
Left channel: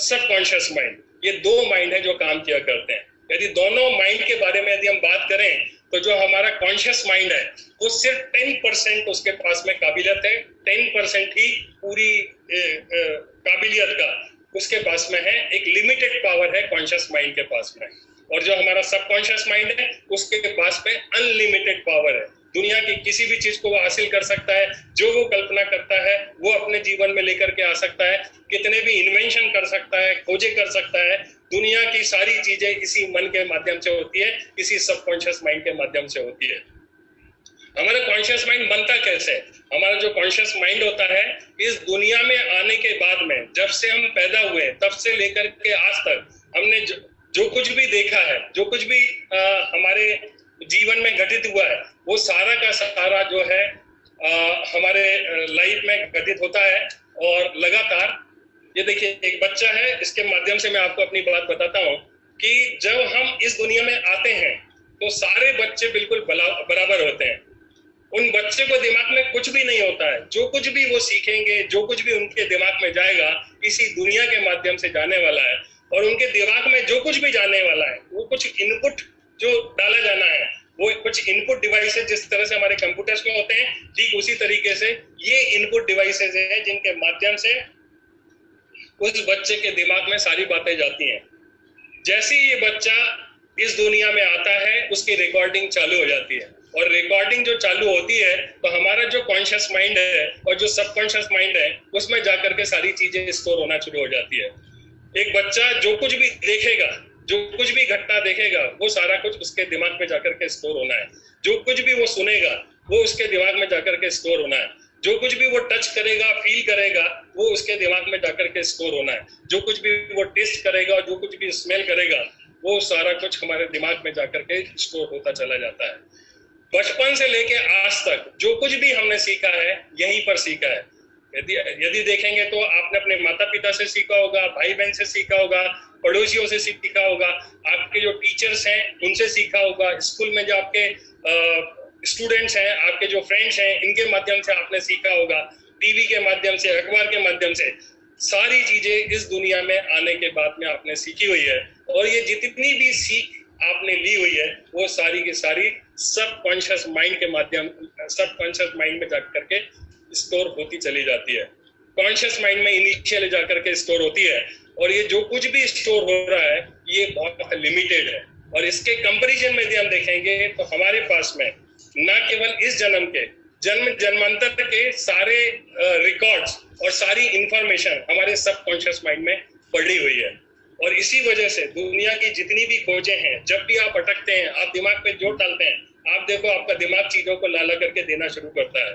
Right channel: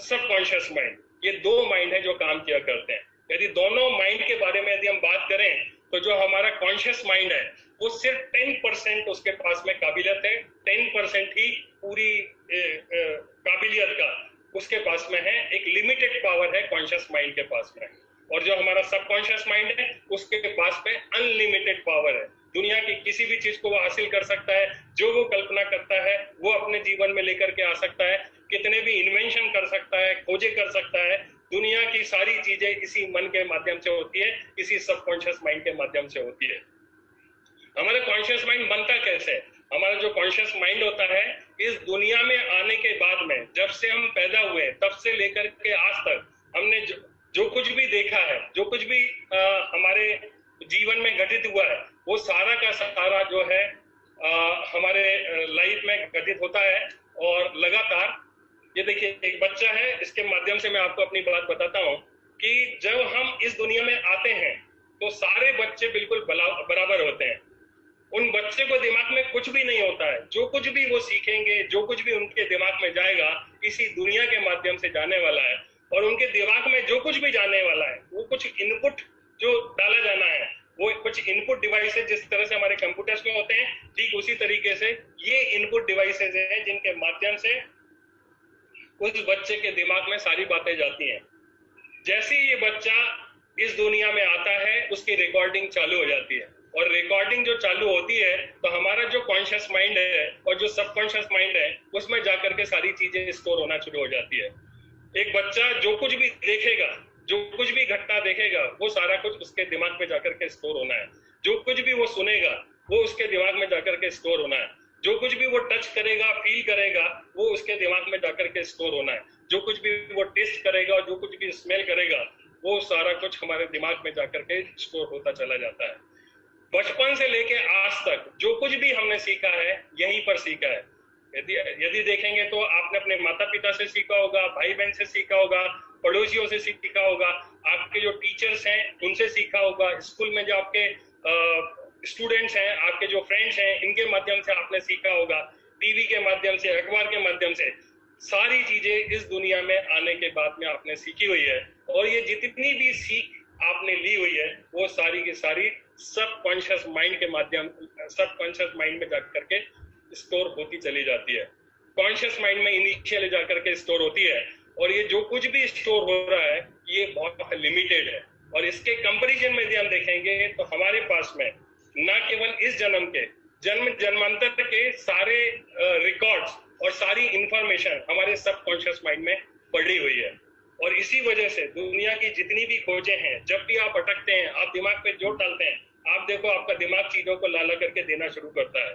सब कॉन्शियस माइंड, ये दो माइंड है जो काम किया करते हैं। यदि दोनों माइंड के बारे में यदि हम बात करें तो जो हमारा कॉन्शियस माइंड है वो सिर्फ 10% उसके पास में काबिलियत है, 10% ही पूरी काबिलियत का उसके पास में है। एक लिमिटेड पावर है कॉन्शियस माइंड के पास में। और जो हमारा सबकॉन्शियस माइंड है उसके पास में अनलिमिटेड पावर है। दुनिया की किसी भी चीज को वो हासिल कर सकता है, जो वो कल्पना करता है वो अपने जीवन में लेकर के आ सकता है, कितने भी इन्वेंशन कर सकता है, खोजे कर सकता है। दुनिया की सारी चीजें इसी मन के माध्यम से होती है, इसी सबकॉन्शियस माइंड के माध्यम से होती है। हमारा कॉन्शियस माइंड बनता कैसे? हमारा जो कॉन्शियस माइंड होता है, इस दुनिया में आने के बाद में, जब से हम पैदा हुए तब से लेकर के आज तक हमने जो कुछ भी देखा है, जो कुछ भी हमारे जीवन में घटित हुआ है, वो सारा का सारा जो है हमारे लाइफ में घटित होता है। और लगातार ये देखिए, एक बच्चा है, इसके माध्यम से मैं आपको अपनी बात बताता हूँ कि जब हम इस दुनिया में आते हैं तो सारे बच्चे बिल्कुल बराबर होते हैं। उन बच्चे को दिमाग में कुछ भी नहीं होता है। जो कुछ भी वो सीखेंगे, जो कुछ भी उनके दिमाग में जाएगा, इसी दुनिया के माध्यम से जाने वाला है। और उनके दिमाग में जो कुछ भी जाने वाला है, वो कुछ इनपुट जो डाला जाना है, वो कुछ इनपुट डिवाइसेस, जिस तरह से हमारे कंप्यूटर्स में होते हैं, ठीक उसी तरीके से ये इनपुट डिवाइसेस है जिनके माध्यम से उस बच्चे के दिमाग में सारी बातें जाती हैं। जैसे ही ये बच्चा इस दुनिया में आता है, उसकी रिकॉर्डिंग चालू हो जाती है। और रिकॉर्डिंग जो चालू होती है तो हमारा जो कॉन्शियस माइंड है और जो सबकॉन्शियस माइंड है, उसमें जाकर के सारी चीजें स्टोर होना शुरू हो जाती है। एक बच्चा जो कुछ भी देखेगा, जो कुछ भी घटना देखेगा, वो सारा कुछ उसके दिमाग में जाकर के स्टोर होना है। जो कुछ भी वो सुनेगा, वो उसके दिमाग में जाकर के स्टोर होना है। जो कुछ भी वो टच करेगा, फील करेगा, वो उसके दिमाग में जाकर के स्टोर होना है। जो कुछ भी वो टेस्ट करेगा, जो कुछ भी स्मेल करेगा, वो सारा कुछ हमारे दिमाग में जाकर के स्टोर होता चला जाता है। बचपन से लेके आज तक जो कुछ भी हमने सीखा है, यहीं पर सीखा है। यदि देखेंगे तो आपने अपने माता पिता से सीखा होगा, भाई बहन से सीखा होगा, पड़ोसियों से सीखा होगा, आपके जो टीचर्स हैं उनसे सीखा होगा, स्कूल में जो आपके स्टूडेंट्स हैं, आपके जो फ्रेंड्स हैं, इनके माध्यम से आपने सीखा होगा, टीवी के माध्यम से, अखबार के माध्यम से। सारी चीजें इस दुनिया में आने के बाद में आपने सीखी हुई है। और ये जितनी भी सीख आपने ली हुई है, वो सारी की सारी सबकॉन्शियस माइंड के माध्यम, सबकॉन्शियस माइंड में जाकर के स्टोर होती चली जाती है। कॉन्शियस माइंड में इनिशियली जाकर के स्टोर होती है। और ये जो कुछ भी स्टोर हो रहा है, ये बहुत लिमिटेड है। और इसके कंपैरिजन में यदि हम देखेंगे तो हमारे पास में न केवल इस जन्म के, जन्मांतर के सारे रिकॉर्ड्स और सारी इंफॉर्मेशन हमारे सबकॉन्शियस माइंड में पड़ी हुई है। और इसी वजह से दुनिया की जितनी भी खोजें हैं, जब भी आप अटकते हैं, आप दिमाग पे जोर डालते हैं, आप देखो आपका दिमाग चीजों को ला करके देना शुरू करता है।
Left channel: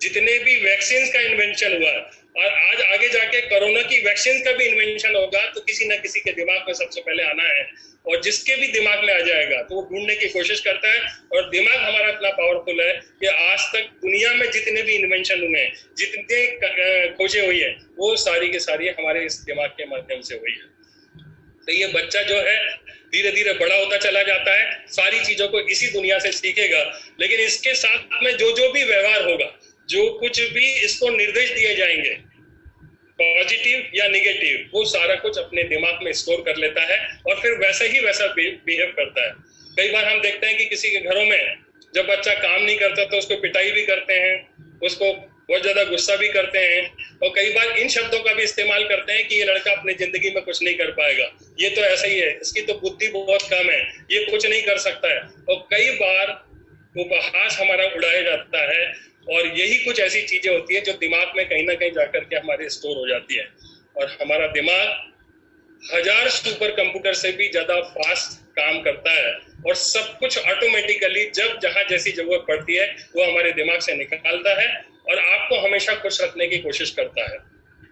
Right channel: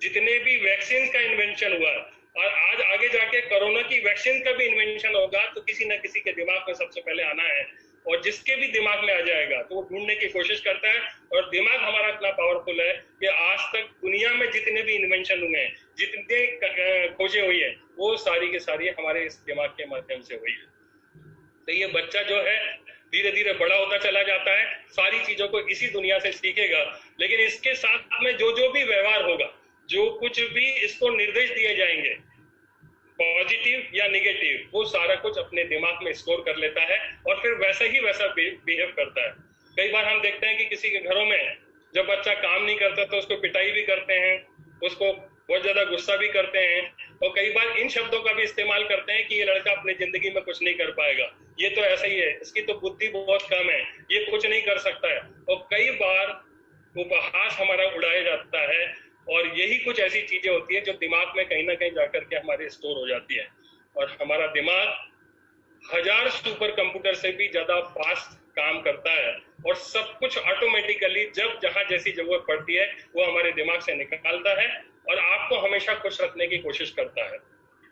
जितने भी वैक्सीन का इन्वेंशन हुआ और आज आगे जाके कोरोना की वैक्सीन का भी इन्वेंशन होगा तो किसी न किसी के दिमाग में सबसे पहले आना है, और जिसके भी दिमाग में आ जाएगा तो वो ढूंढने की कोशिश करता है। और दिमाग हमारा इतना पावरफुल है कि आज तक दुनिया में जितने भी इन्वेंशन हुए हैं, जितने खोजें हुई है, वो सारी की सारी हमारे इस दिमाग के माध्यम से हुई है। तो ये बच्चा जो है धीरे धीरे बड़ा होता चला जाता है, सारी चीजों को इसी दुनिया से सीखेगा, लेकिन इसके साथ में जो भी व्यवहार होगा, जो कुछ भी इसको निर्देश दिए जाएंगे, पॉजिटिव या नेगेटिव, वो सारा कुछ अपने दिमाग में स्टोर कर लेता है और फिर वैसा ही वैसा बिहेव करता है। कई बार हम देखते हैं कि किसी के घरों में जब बच्चा काम नहीं करता तो उसको पिटाई भी करते हैं, उसको बहुत ज्यादा गुस्सा भी करते हैं, और कई बार इन शब्दों का भी इस्तेमाल करते हैं कि ये लड़का अपनी जिंदगी में कुछ नहीं कर पाएगा, ये तो ऐसा ही है, इसकी तो बुद्धि बहुत कम है, ये कुछ नहीं कर सकता है। और कई बार उपहास हमारा उड़ाया जाता है, और यही कुछ ऐसी चीजें होती है जो दिमाग में कहीं ना कहीं जाकर के हमारे स्टोर हो जाती है। और हमारा दिमाग 1000 सुपर कंप्यूटर से भी ज्यादा फास्ट काम करता है, और सब कुछ ऑटोमेटिकली जब जहां जैसी जरूरत पड़ती है वो हमारे दिमाग से निकालता है और आपको हमेशा खुश रखने की कोशिश करता है।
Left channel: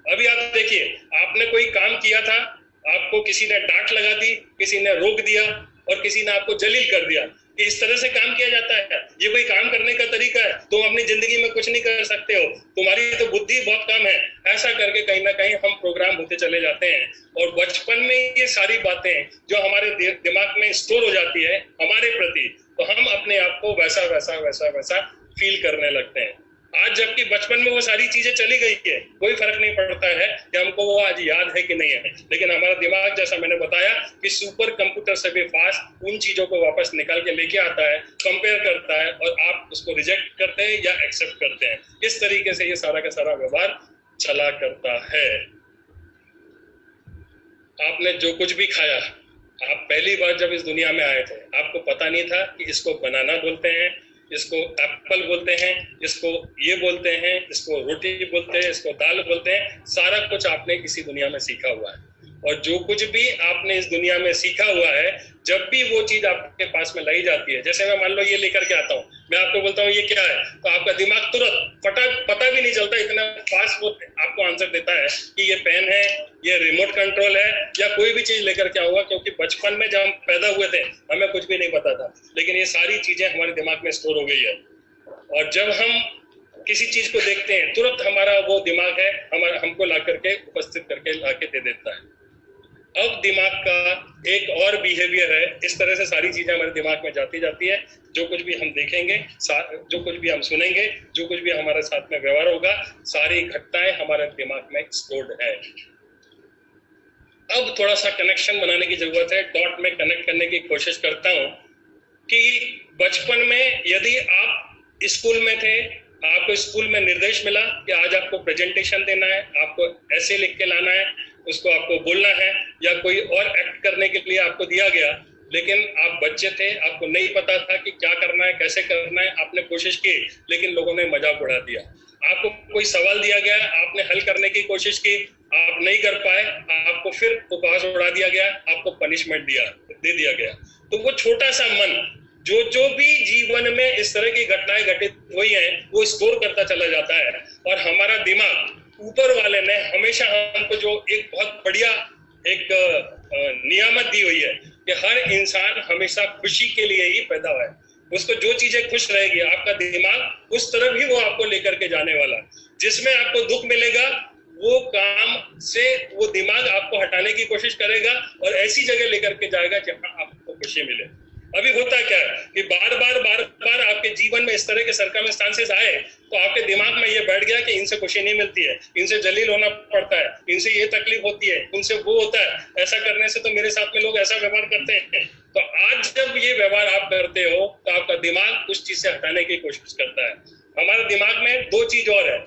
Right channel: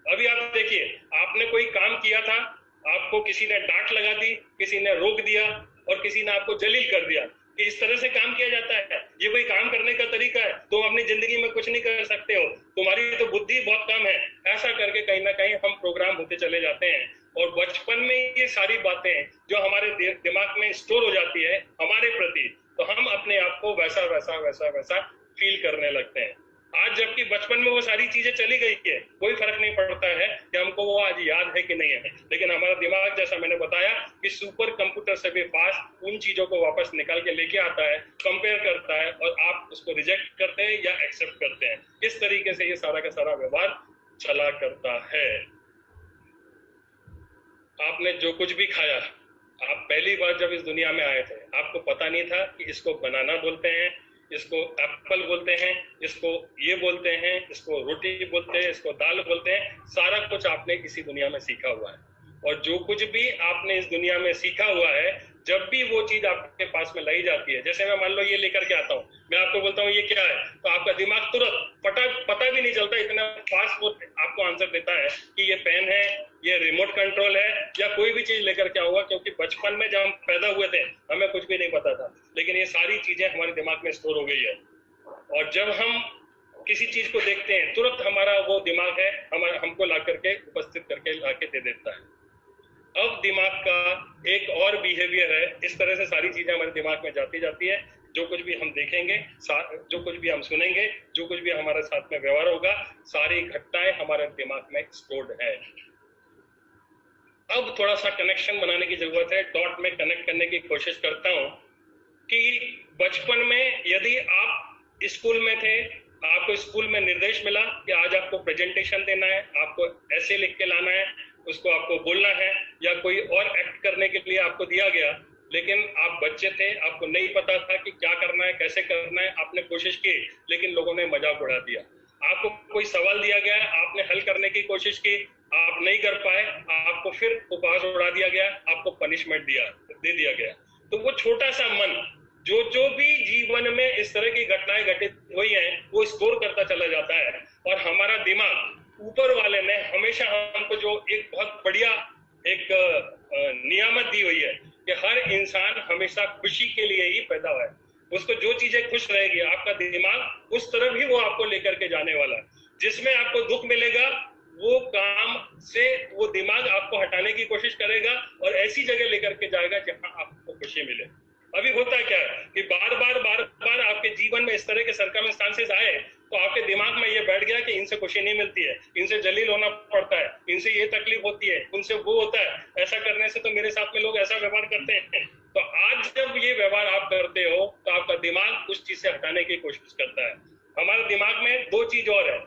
अभी आप देखिए, आपने कोई काम किया था, आपको किसी ने डांट लगा दी, किसी ने रोक दिया और किसी ने आपको जलील कर दिया कि इस तरह से काम किया जाता है, ये कोई काम करने का तरीका है, तुम अपनी जिंदगी में कुछ नहीं कर सकते हो, तुम्हारी तो बुद्धि बहुत कम है, ऐसा करके कहीं ना कहीं हम प्रोग्राम होते चले जाते हैं। और बचपन में ये सारी बातें जो हमारे दिमाग में स्टोर हो जाती है हमारे प्रति, तो हम अपने आप को वैसा वैसा वैसा वैसा फील करने लगते हैं। आज जबकि बचपन में वो सारी चीजें चली गई है, कोई फर्क नहीं पड़ता है कि हमको वो आज याद है कि नहीं है, लेकिन हमारा दिमाग, जैसा मैंने बताया, कि सुपर कंप्यूटर से भी फास्ट उन चीजों को वापस निकाल के लेके आता है, कंपेयर करता है, और आप उसको रिजेक्ट करते हैं या एक्सेप्ट करते हैं। इस तरीके से ये सारा का सारा व्यवहार चला करता है। आपने जो कुछ भी खाया, आप पहली बार जब इस दुनिया में आए थे, आपको पता नहीं था कि इसको बनाना बोलते हैं, इसको एप्पल बोलते हैं, इसको ये बोलते हैं, इसको रोटी बोलते हैं, इसको दाल बोलते हैं। सारा कुछ आपने इसी दुनिया में सीखा हुआ है, और जो कुछ भी आपने इस दुनिया में सीखा हुआ है, जब भी वो चीज आपके पास में लाई जाती है, जैसे मैं मान लो ये लेकर के आता हूँ, मैं आपको बोलता हूँ ये क्या है, तो आपका दिमाग तुरंत पता भी नहीं चलता, इतना फास्ट वो आपको आंसर देता है कि ये पेन है, ये रिमोट कंट्रोल है, या कोई भी चीज लेकर के आऊंगा। क्योंकि बचपन में जब हम पैदा हुए थे हमें कुछ भी नहीं पता था, लेकिन ये सारी चीजें हमारे दिमाग में स्टोर हो गई है, और जब हम किसी चीज को देखते हैं तुरंत हमारा वो दिमाग है हमको ला करके उपस्थित करके ला के दे देता है। अब दिमाग का एक और बिहेवियर है, इस तरह से सारी चीजें हमारे दिमाग में जाती है। जो कुछ भी हम देखेंगे, जो कुछ भी हम सुनेंगे, जो कुछ भी हमारे साथ में व्यवहार होगा, सारी घटनाएं हमारे दिमाग में स्टोर्ड है। अब थोड़ा सा कनेक्शन बनाने की जरूरत है, डॉट में कनेक्ट करने की कोशिश करता हूं कि बचपन में यदि आप स्कूल में थे, आपको स्कूल में निर्देश मिला कि आज आपको प्रेजेंटेशन देना है, आपको ऐसे लिख के लाना है, उसको आपको बोलना है, या कोई और एक्ट करने के लिए आपको दिया गया, लेकिन आप बच्चे थे, आपको नहीं पता था कि क्या करना है, कैसे करना है, आपने कोशिश की, लेकिन लोगों ने मजाक उड़ा दिया। आपको कोई सवाल दिया गया, आपने हल करने की कोशिश की, आप नहीं कर पाए, आपको फिर उपहास उड़ा दिया गया, आपको पनिशमेंट दे दिया गया। तो वो छोटा सा मन जो भी जीवन में इस तरह की घटनाएं घटित हुई हैं, वो स्टोर करता चला जाता है। और हमारा दिमाग, ऊपर वाले ने हमेशा हमको जो एक बहुत बढ़िया एक नियामत दी हुई है कि हर इंसान हमेशा खुशी के लिए ही पैदा हुआ है। उसको जो चीजें खुश रहेगी, आपका दिमाग उस तरफ ही वो आपको लेकर के जाने वाला है। जिसमें आपको दुख मिलेगा, वो काम से वो दिमाग आपको हटाने की कोशिश करेगा और ऐसी जगह लेकर के जाएगा जहां आपको खुशी मिले। अभी होता क्या है कि बार बार आपके जीवन में इस तरह के सर्कमस्टांसेस आए, तो आपके दिमाग में ये बैठ गया कि इनसे खुशी नहीं मिलती है, इनसे जलील होना पड़ता है, इनसे ये तकलीफ होती है, उनसे वो होता है, ऐसा करने से तो मेरे साथ में लोग ऐसा व्यवहार करते हैं। तो आज जब ये व्यवहार आप करते हो, तो आपका दिमाग उस चीज से हटाने की कोशिश करता है। हमारे दिमाग में दो चीज और है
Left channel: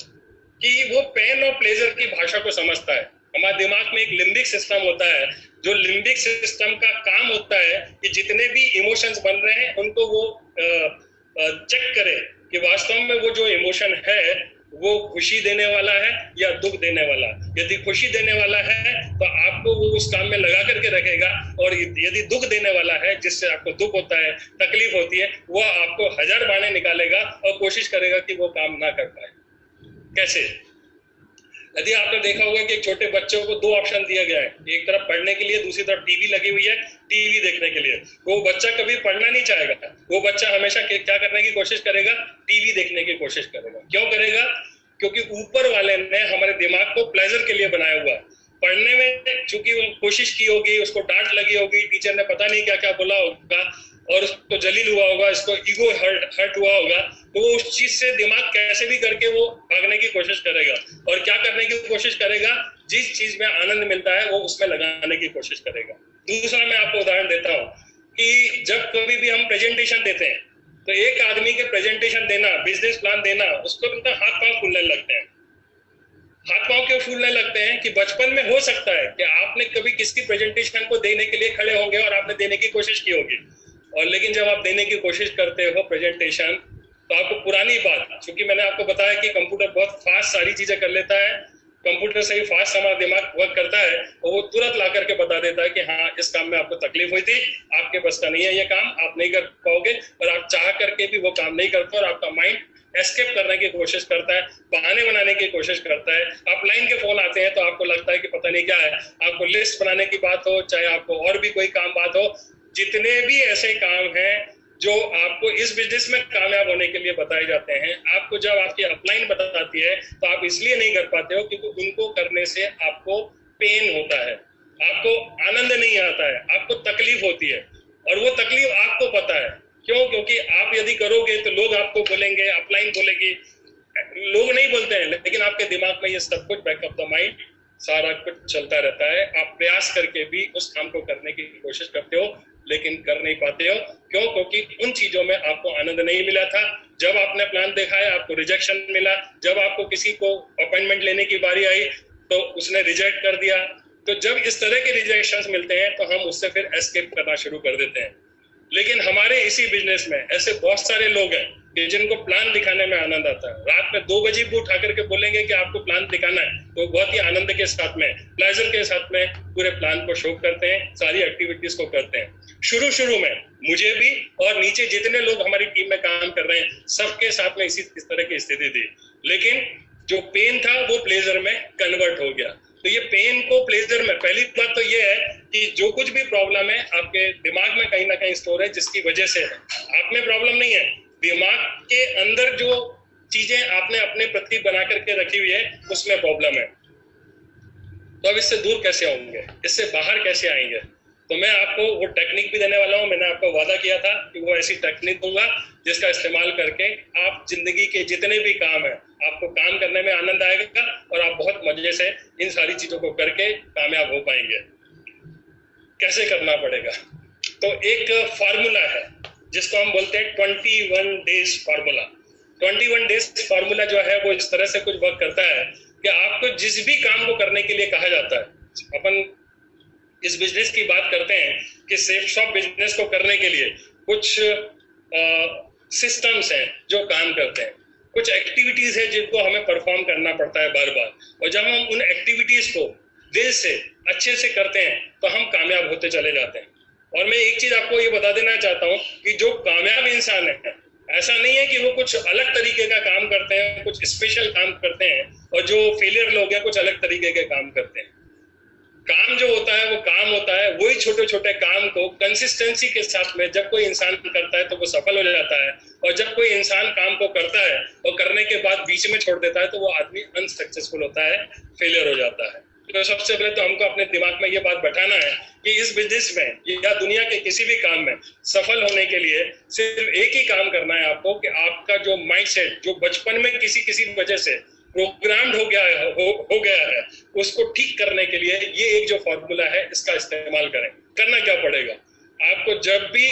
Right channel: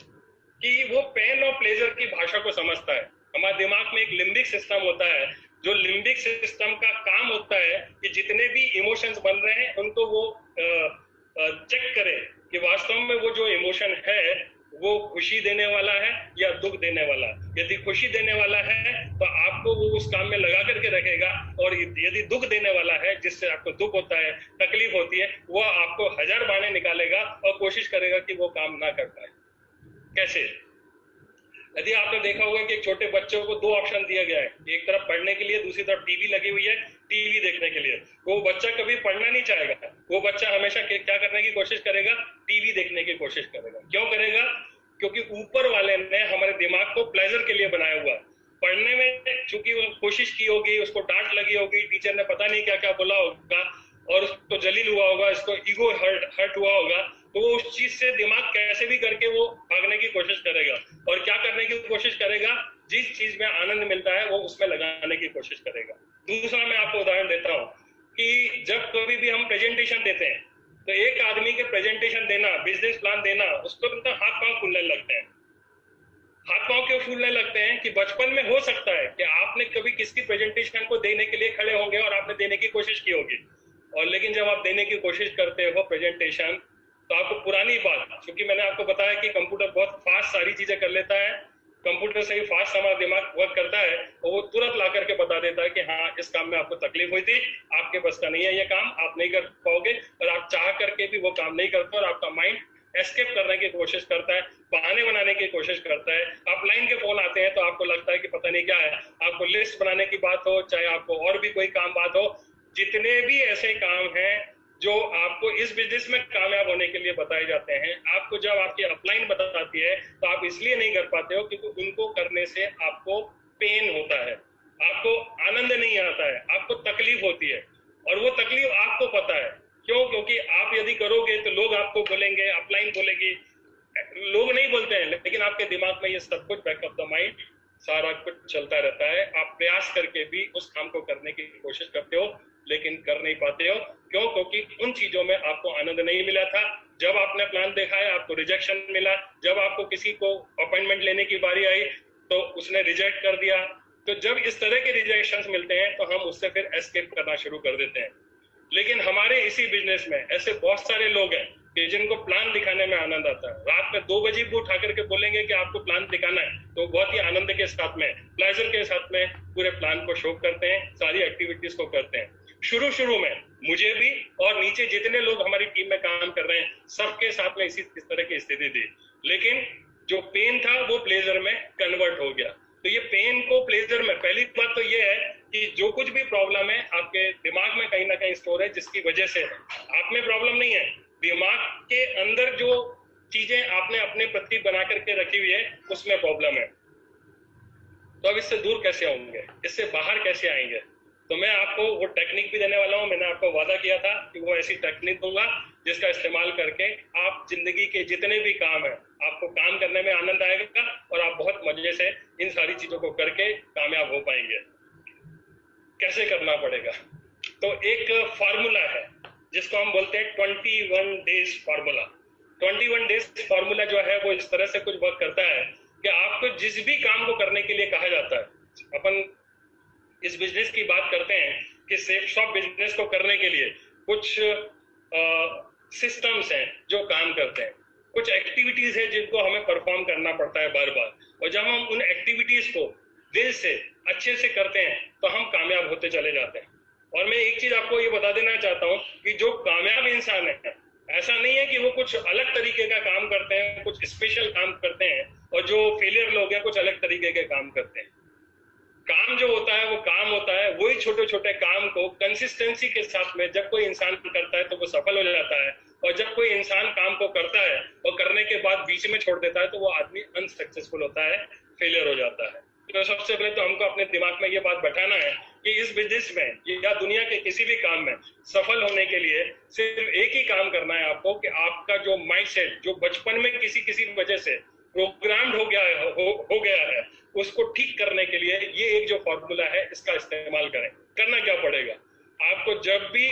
कि वो पेन और प्लेजर की भाषा को समझता है। हमारे दिमाग में एक लिम्बिक सिस्टम होता है, जो लिम्बिक सिस्टम का काम होता है कि जितने भी इमोशंस बन रहे हैं उनको वो चेक करे कि वास्तव में वो जो इमोशन है वो खुशी देने वाला है या दुख देने वाला। यदि खुशी देने वाला है तो आपको वो उस काम में लगा करके रखेगा, और यदि दुख देने वाला है, जिससे आपको दुख होता है, तकलीफ होती है, वो आपको 1000 बहाने निकालेगा और कोशिश करेगा कि वो काम ना कर पाए। कैसे? यदि आपने देखा होगा कि छोटे बच्चों को 2 ऑप्शन दिया गया है, एक तरफ पढ़ने के लिए, दूसरी तरफ टीवी लगी हुई है, टीवी देखने के लिए। वो बच्चा कभी पढ़ना नहीं चाहेगा, वो बच्चा हमेशा क्या करने की कोशिश करेगा? टीवी देखने की कोशिश करेगा। क्यों करेगा? क्योंकि ऊपर वाले ने हमारे दिमाग को प्लेजर के लिए बनाया हुआ है। पढ़ने में चूंकि वो कोशिश की होगी, उसको डांट लगी होगी, टीचर ने पता नहीं क्या क्या बोला होगा और उसको जलील हुआ होगा, इसको ईगो हर्ट हुआ होगा, तो वो उस चीज से दिमाग कैसे भी करके वो भागने की कोशिश करेगा और क्या करने की कोशिश करेगा? जिस चीज में आनंद मिलता है वो उसमें लगाने की कोशिश करेगा। दूसरा मैं आपको उदाहरण देता हूँ कि जब कभी भी हम प्रेजेंटेशन देते हैं तो एक आदमी के प्रेजेंटेशन देना, बिजनेस प्लान देना, उसको उनका हाथ पांव फूलने लगते हैं। हाथ पांव क्यों फूलने लगते हैं? कि बचपन में हो सकता है कि आपने कभी किसकी प्रेजेंटेशन को देने के लिए खड़े होंगे और आपने देने की कोशिश की होगी, और लेकिन जब आप देने की कोशिश करते हो प्रेजेंटेशन, तो आपको पुरानी बात, क्योंकि मैंने आपको बताया कि कंप्यूटर बहुत फास्ट सारी चीजें कर लेता है, कंप्यूटर से ही फास्ट हमारा दिमाग वर्क करता है और वो तुरंत ला करके बता देता है कि हाँ, इस काम में आपको तकलीफ हुई थी, आपके बस का नहीं है ये काम, आप नहीं कर पाओगे, और आप चाह करके भी वो काम नहीं करते और आपका माइंड एस्केप करने की कोशिश करता है, बहाने बनाने की कोशिश करता है। आप लाइन के फोन आते हैं तो आपको लगता है कि पता नहीं क्या है, आपको लिस्ट बनाने की बात हो, चाहे आपको और भी कोई काम बात हो, जितने भी ऐसे काम हैं जो आपको इस बिजनेस में कामयाब होने के लिए बताए जाते हैं, आपको जब आपकी अपलाइन बताती है तो आप इसलिए नहीं कर पाते हो क्योंकि उनको करने से आपको पेन होता है, आपको आनंद नहीं आता है, आपको तकलीफ होती है, और वो तकलीफ आपको पता है। क्यों? क्योंकि आप यदि करोगे तो लोग आपको बोलेंगे, अपलाइन बोलेगी, लोग नहीं बोलते हैं, लेकिन आपके दिमाग में ये सब कुछ बैक ऑफ द माइंड सारा कुछ चलता रहता है। आप प्रयास करके भी उस काम को करने की कोशिश करते हो लेकिन कर नहीं पाते हो। क्यों? क्योंकि उन चीजों में आपको आनंद नहीं मिला था। जब आपने प्लान देखा है आपको रिजेक्शन मिला, जब आपको किसी को अपॉइंटमेंट लेने की बारी आई तो उसने रिजेक्ट कर दिया। तो जब इस तरह के रिजेक्शंस मिलते हैं तो हम उससे फिर एस्केप करना शुरू कर देते हैं। लेकिन हमारे इसी बिजनेस में ऐसे बहुत सारे लोग हैं कि जिनको प्लान दिखाने में आनंद आता है। रात में 2 बजे भी उठा करके बोलेंगे कि आपको प्लान दिखाना है, तो बहुत ही आनंद के साथ में, प्लेजर के साथ में पूरे प्लान को शो करते हैं, सारी एक्टिविटीज को करते हैं। शुरू में मुझे भी और नीचे जितने लोग हमारी टीम में काम कर रहे हैं सबके साथ में इस तरह की स्थिति थी, लेकिन जो पेन था वो प्लेजर में कन्वर्ट हो गया। तो ये पेन को प्लेजर में, पहली बात तो ये है कि जो कुछ भी प्रॉब्लम है आपके दिमाग में कहीं ना कहीं स्टोर है, जिसकी वजह से है। आप में प्रॉब्लम नहीं है, दिमाग के अंदर जो चीजें आपने अपने प्रति बना करके रखी हुई है उसमें प्रॉब्लम है। तो अब इससे दूर कैसे होंगे, इससे बाहर कैसे आएंगे? तो मैं आपको वो टेक्निक भी देने वाला हूँ। मैंने आपको वादा किया था कि वो ऐसी टेक्निक दूंगा जिसका इस्तेमाल करके आप जिंदगी के जितने भी काम है आपको काम करने में आनंद आएगा और आप बहुत मजे से इन सारी चीजों को करके कामयाब हो पाएंगे। कैसे करना पड़ेगा? तो एक फार्मूला है जिसको हम बोलते हैं 21 डेज फार्मूला। 21 डेज फार्मूला जो है वो इस तरह से कुछ वर्क करता है कि आपको जिस भी काम को करने के लिए कहा जाता है, अपन इस बिजनेस की बात करते हैं कि सेफ शॉप बिजनेस को करने के लिए कुछ सिस्टम्स हैं जो काम करते हैं, कुछ एक्टिविटीज है जिनको हमें परफॉर्म करना पड़ता है बार बार, और जब हम उन एक्टिविटीज को दिल से अच्छे से करते हैं तो हम कामयाब होते चले जाते हैं। और मैं एक चीज आपको ये बता देना चाहता हूँ कि जो कामयाब इंसान है, ऐसा नहीं है कि वो कुछ अलग तरीके का काम करते हैं, कुछ स्पेशल काम करते हैं, और जो फेलियर लोग हैं कुछ अलग तरीके के काम करते हैं। काम जो होता है वो काम होता है, वही छोटे छोटे काम को कंसिस्टेंसी के साथ में जब कोई इंसान करता है तो वो सफल हो जाता है, और जब कोई इंसान काम को करता है और करने के बाद बीच में छोड़ देता है तो वो आदमी अनसक्सेसफुल होता है, फेलियर हो जाता है। तो सबसे पहले तो हमको अपने दिमाग में ये बात बैठाना है कि इस बिजनेस में या दुनिया के किसी भी काम में सफल होने के लिए सिर्फ एक ही काम करना है आपको, कि आपका जो माइंडसेट जो बचपन में किसी वजह से प्रोग्राम्ड हो गया है उसको ठीक करने के लिए ये एक जो फॉर्मूला है इसका इस्तेमाल करें। करना क्या पड़ेगा आपको? जब भी,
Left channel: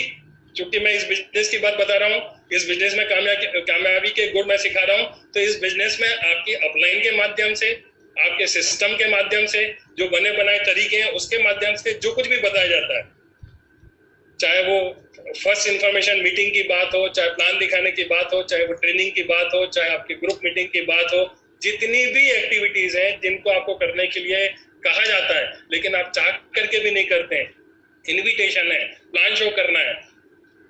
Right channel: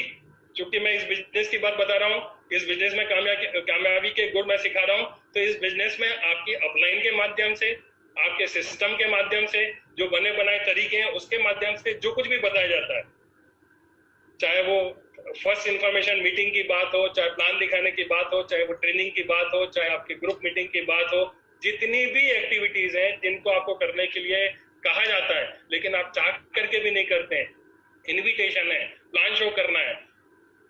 चूंकि मैं इस बिजनेस की बात बता रहा हूँ, इस बिजनेस में कामयाबी के गुण मैं सिखा रहा हूँ, तो इस बिजनेस में आपकी अपलाइन के माध्यम से, आपके सिस्टम के माध्यम से, जो बने बनाए तरीके हैं उसके माध्यम से जो कुछ भी बताया जाता है, चाहे वो फर्स्ट इंफॉर्मेशन मीटिंग की बात हो, चाहे प्लान दिखाने की बात हो, चाहे वो ट्रेनिंग की बात हो, चाहे आपकी ग्रुप मीटिंग की बात हो, जितनी भी एक्टिविटीज हैं जिनको आपको करने के लिए कहा जाता है लेकिन आप चाह करके भी नहीं करते हैं, इनविटेशन है, प्लान शो करना है,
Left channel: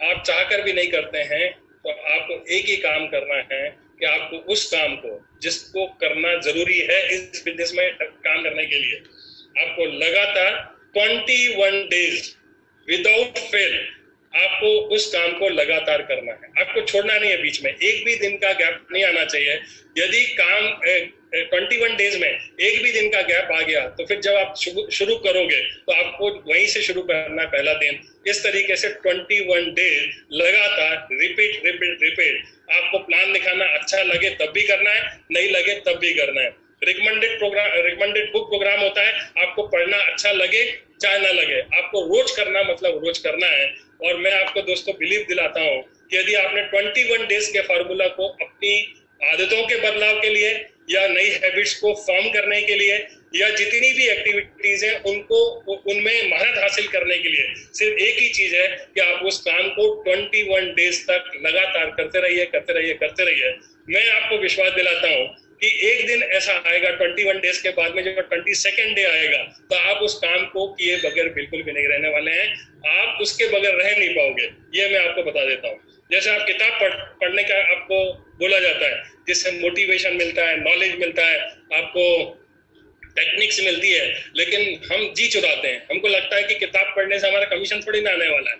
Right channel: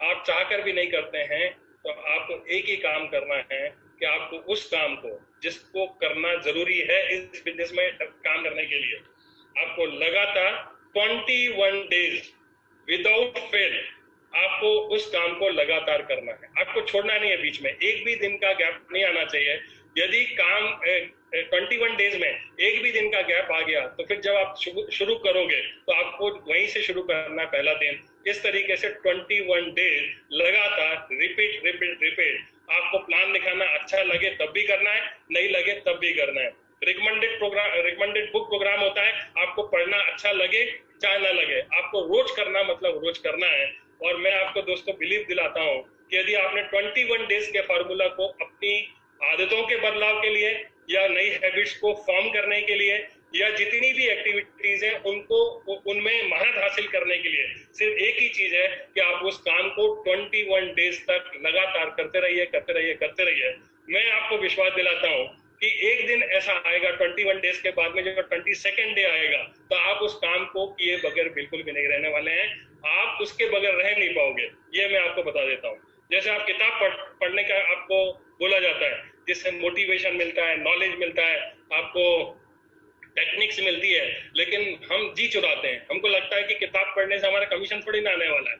आप चाह कर भी नहीं करते हैं, तो आपको एक ही काम करना है कि आपको उस काम को जिसको करना जरूरी है इस बिजनेस में काम करने के लिए, आपको लगातार 21 डेज विदाउट फेल आपको उस काम को लगातार करना है। आपको छोड़ना नहीं है, बीच में एक भी दिन का गैप नहीं आना चाहिए। यदि काम 21 डेज में एक भी दिन का गैप आ गया तो फिर जब आप शुरू करोगे तो आपको वहीं से शुरू करना पहला दिन। इस तरीके से 21 डेज लगातार रिपीट। आपको प्लान दिखाना, अच्छा लगे तब भी करना है, नहीं लगे तब भी करना है। रिकमेंडेड बुक प्रोग्राम होता है, आपको पढ़ना अच्छा लगे चाहे ना लगे, आपको रोज करना मतलब रोज करना है। और मैं आपको दोस्तों बिलीव दिलाता हूँ कि यदि आपने 21 डेज के फार्मूला को अपनी आदतों के बदलाव के लिए या नई हैबिट्स को फॉर्म करने के लिए या जितनी भी एक्टिविटीज हैं उनको उनमें महारत हासिल करने के लिए सिर्फ एक ही चीज है कि आप उस काम को 21 डेज तक लगातार करते रहिए। मैं आपको विश्वास दिलाता हूँ कि एक दिन ऐसा आएगा 21 डेज के बाद में, जब 22nd डे आएगा तो आप उस काम को किए बगैर बिल्कुल भी नहीं रहने वाले हैं। आप उसके बगैर रह नहीं पाओगे, ये मैं आपको बता देता हूँ। जैसे आप किताब पढ़ने का आपको बोला जाता है, जिससे मोटिवेशन मिलता है, नॉलेज मिलता है, आपको टेक्निक्स मिलती है, लेकिन हम जी चुराते हैं। हमको लगता है कि किताब पढ़ने से हमारा कमीशन थोड़ी ना आने वाला है,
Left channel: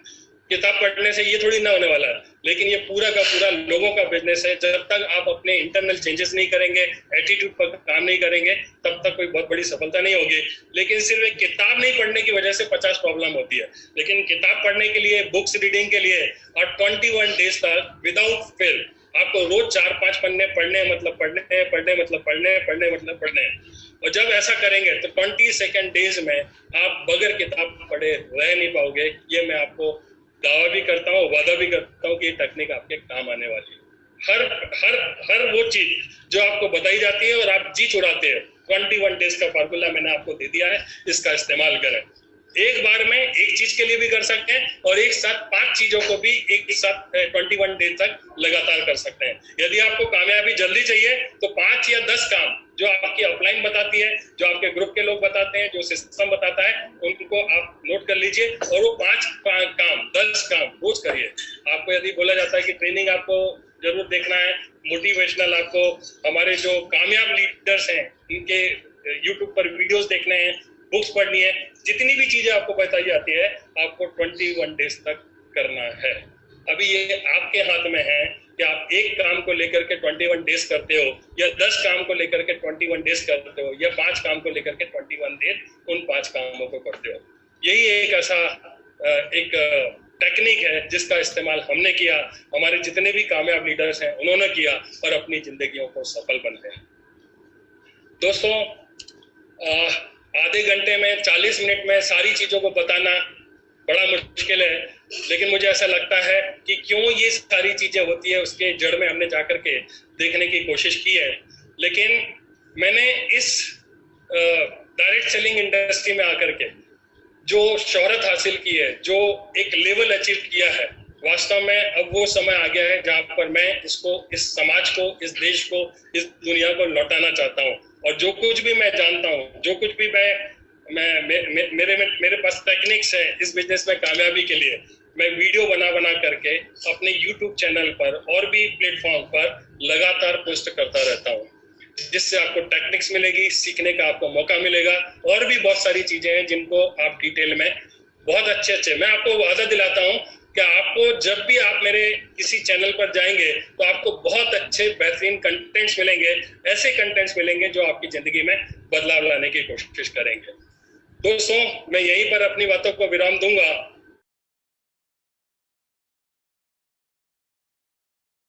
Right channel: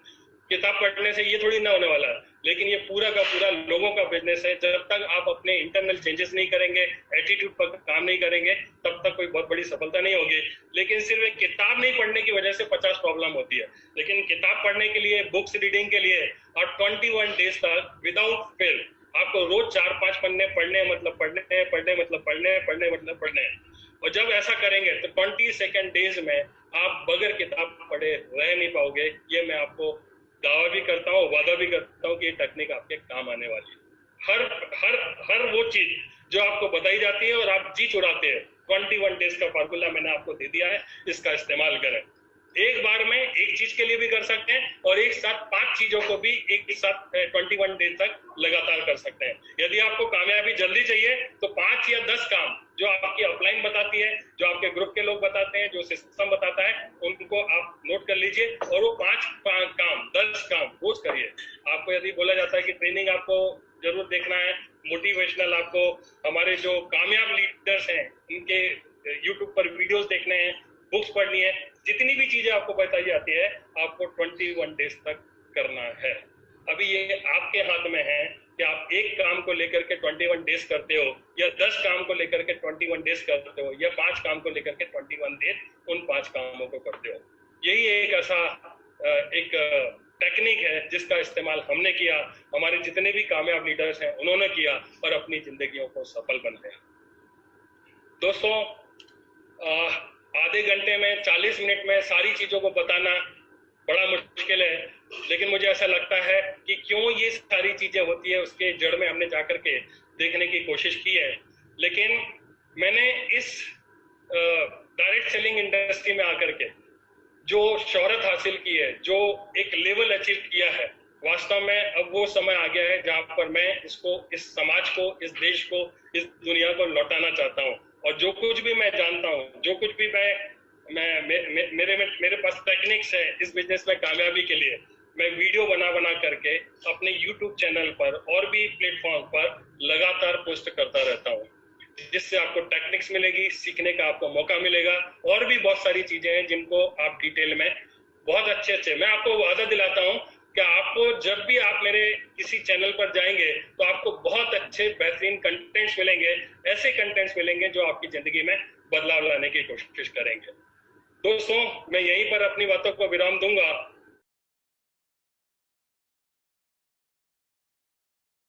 किताब पढ़ने से ये थोड़ी ना होने वाला है, लेकिन ये पूरा का पूरा लोगों का बिजनेस है। जब तक आप अपने इंटरनल चेंजेस नहीं करेंगे, एटीट्यूड पर काम नहीं करेंगे, तब तक कोई बहुत बड़ी सफलता नहीं होगी। लेकिन सिर्फ एक किताब नहीं पढ़ने की वजह से 50 प्रॉब्लम होती है, लेकिन किताब पढ़ने के लिए, बुक्स रीडिंग के लिए और 21 डेज तक विदाउट फेल आपको रोज 4-5 पन्ने पढ़ने मतलब पढ़ने। और जब ऐसा करेंगे तो 22nd डेज में आप बगैर किताब पढ़े रह नहीं पाओगे। ये मैं आपको दावा भी करता हूँ, वादा भी करता हूँ कि ये टेक्निक आपके काम आने वाली है। हर वो चीज जो आपको बताई जाती है और आप जी चुराते हैं, 21 डेज का फार्मूला मैंने आपको दे दिया है, इसका इस्तेमाल करें। एक बार में एक चीज के लिए भी कर सकते हैं और एक साथ 5 चीजों को भी एक साथ 21 डेज तक लगातार कर सकते हैं। यदि आपको कामयाबी जल्दी चाहिए तो 5 या 10 काम जो आपकी अपलाइन बताती है, जो आपके ग्रुप के लोग बताते हैं, जो सिस्टम बताता है, उनको आप नोट कर लीजिए और वो 5 काम 10 काम रोज करिए। आपको यदि बोला जाता है कि ट्रेनिंग आपको जरूर देखना है, मोटिवेशनल आपको हमारे जो कामयाब लीडर्स हैं उनके यूट्यूब पर वीडियोस देखने हैं, बुक्स पढ़नी है, जितनी भी चीजें आपको बताई जाती है आपको 21 डेज तक करना है। अभी ये आपके हाथ में है कि आप एक काम को लेकर के 21 डेज करते हो या 10 काम को लेकर के 21 डेज करते हो या 5 काम को लेकर के 21 डेज उन 5 कामों को करते हो। यही एक ऐसा एक टेक्निक है जिसका इस्तेमाल हमने किया, हमारे जितने भी कामयाब लीडर्स हैं उन्होंने किया और अपनी जिंदगियों को सफल बनते हैं। दोस्तों, आधे घंटे में 40 मिनट में सारी चीजों को बताना बड़ा मुश्किल है, लेकिन मुझे ऐसा लगता है कि क्यों ये सारी चीजें होती है उसके जड़ में हमने जाकर के देखने की कोशिश की है। लेकिन मैंने इस डायरेक्ट सेलिंग इंडस्ट्री में आकर के जो शोहरत हासिल की है, जो एक लेवल अचीव किया है, वास्तव में अब वो समय आ गया है जहां पर मैं इसको, इस समाज को, इस देश को, इस दुनिया को लौटाना चाहता हूँ। और जो कुछ भी मैं जानता हूँ, जो कुछ भी मेरे पास टेक्निक्स है इस बिजनेस में कामयाबी के लिए, मैं वीडियो बना करके अपने YouTube चैनल पर और भी प्लेटफॉर्म पर लगातार पोस्ट करता रहता हूँ, जिससे आपको टेक्निक्स मिलेगी, सीखने का आपको मौका मिलेगा और भी बहुत सारी चीजें हैं जिनको आप डिटेल में बहुत अच्छे मैं आपको वादा दिलाता हूँ कि आपको जब भी आप मेरे किसी चैनल पर जाएंगे तो आपको बहुत अच्छे बेहतरीन कंटेंट्स मिलेंगे, ऐसे कंटेंट्स मिलेंगे जो आपकी जिंदगी में बदलाव लाने की कोशिश करेंगे। दोस्तों, मैं यहीं पर अपनी बातों को विराम दूंगा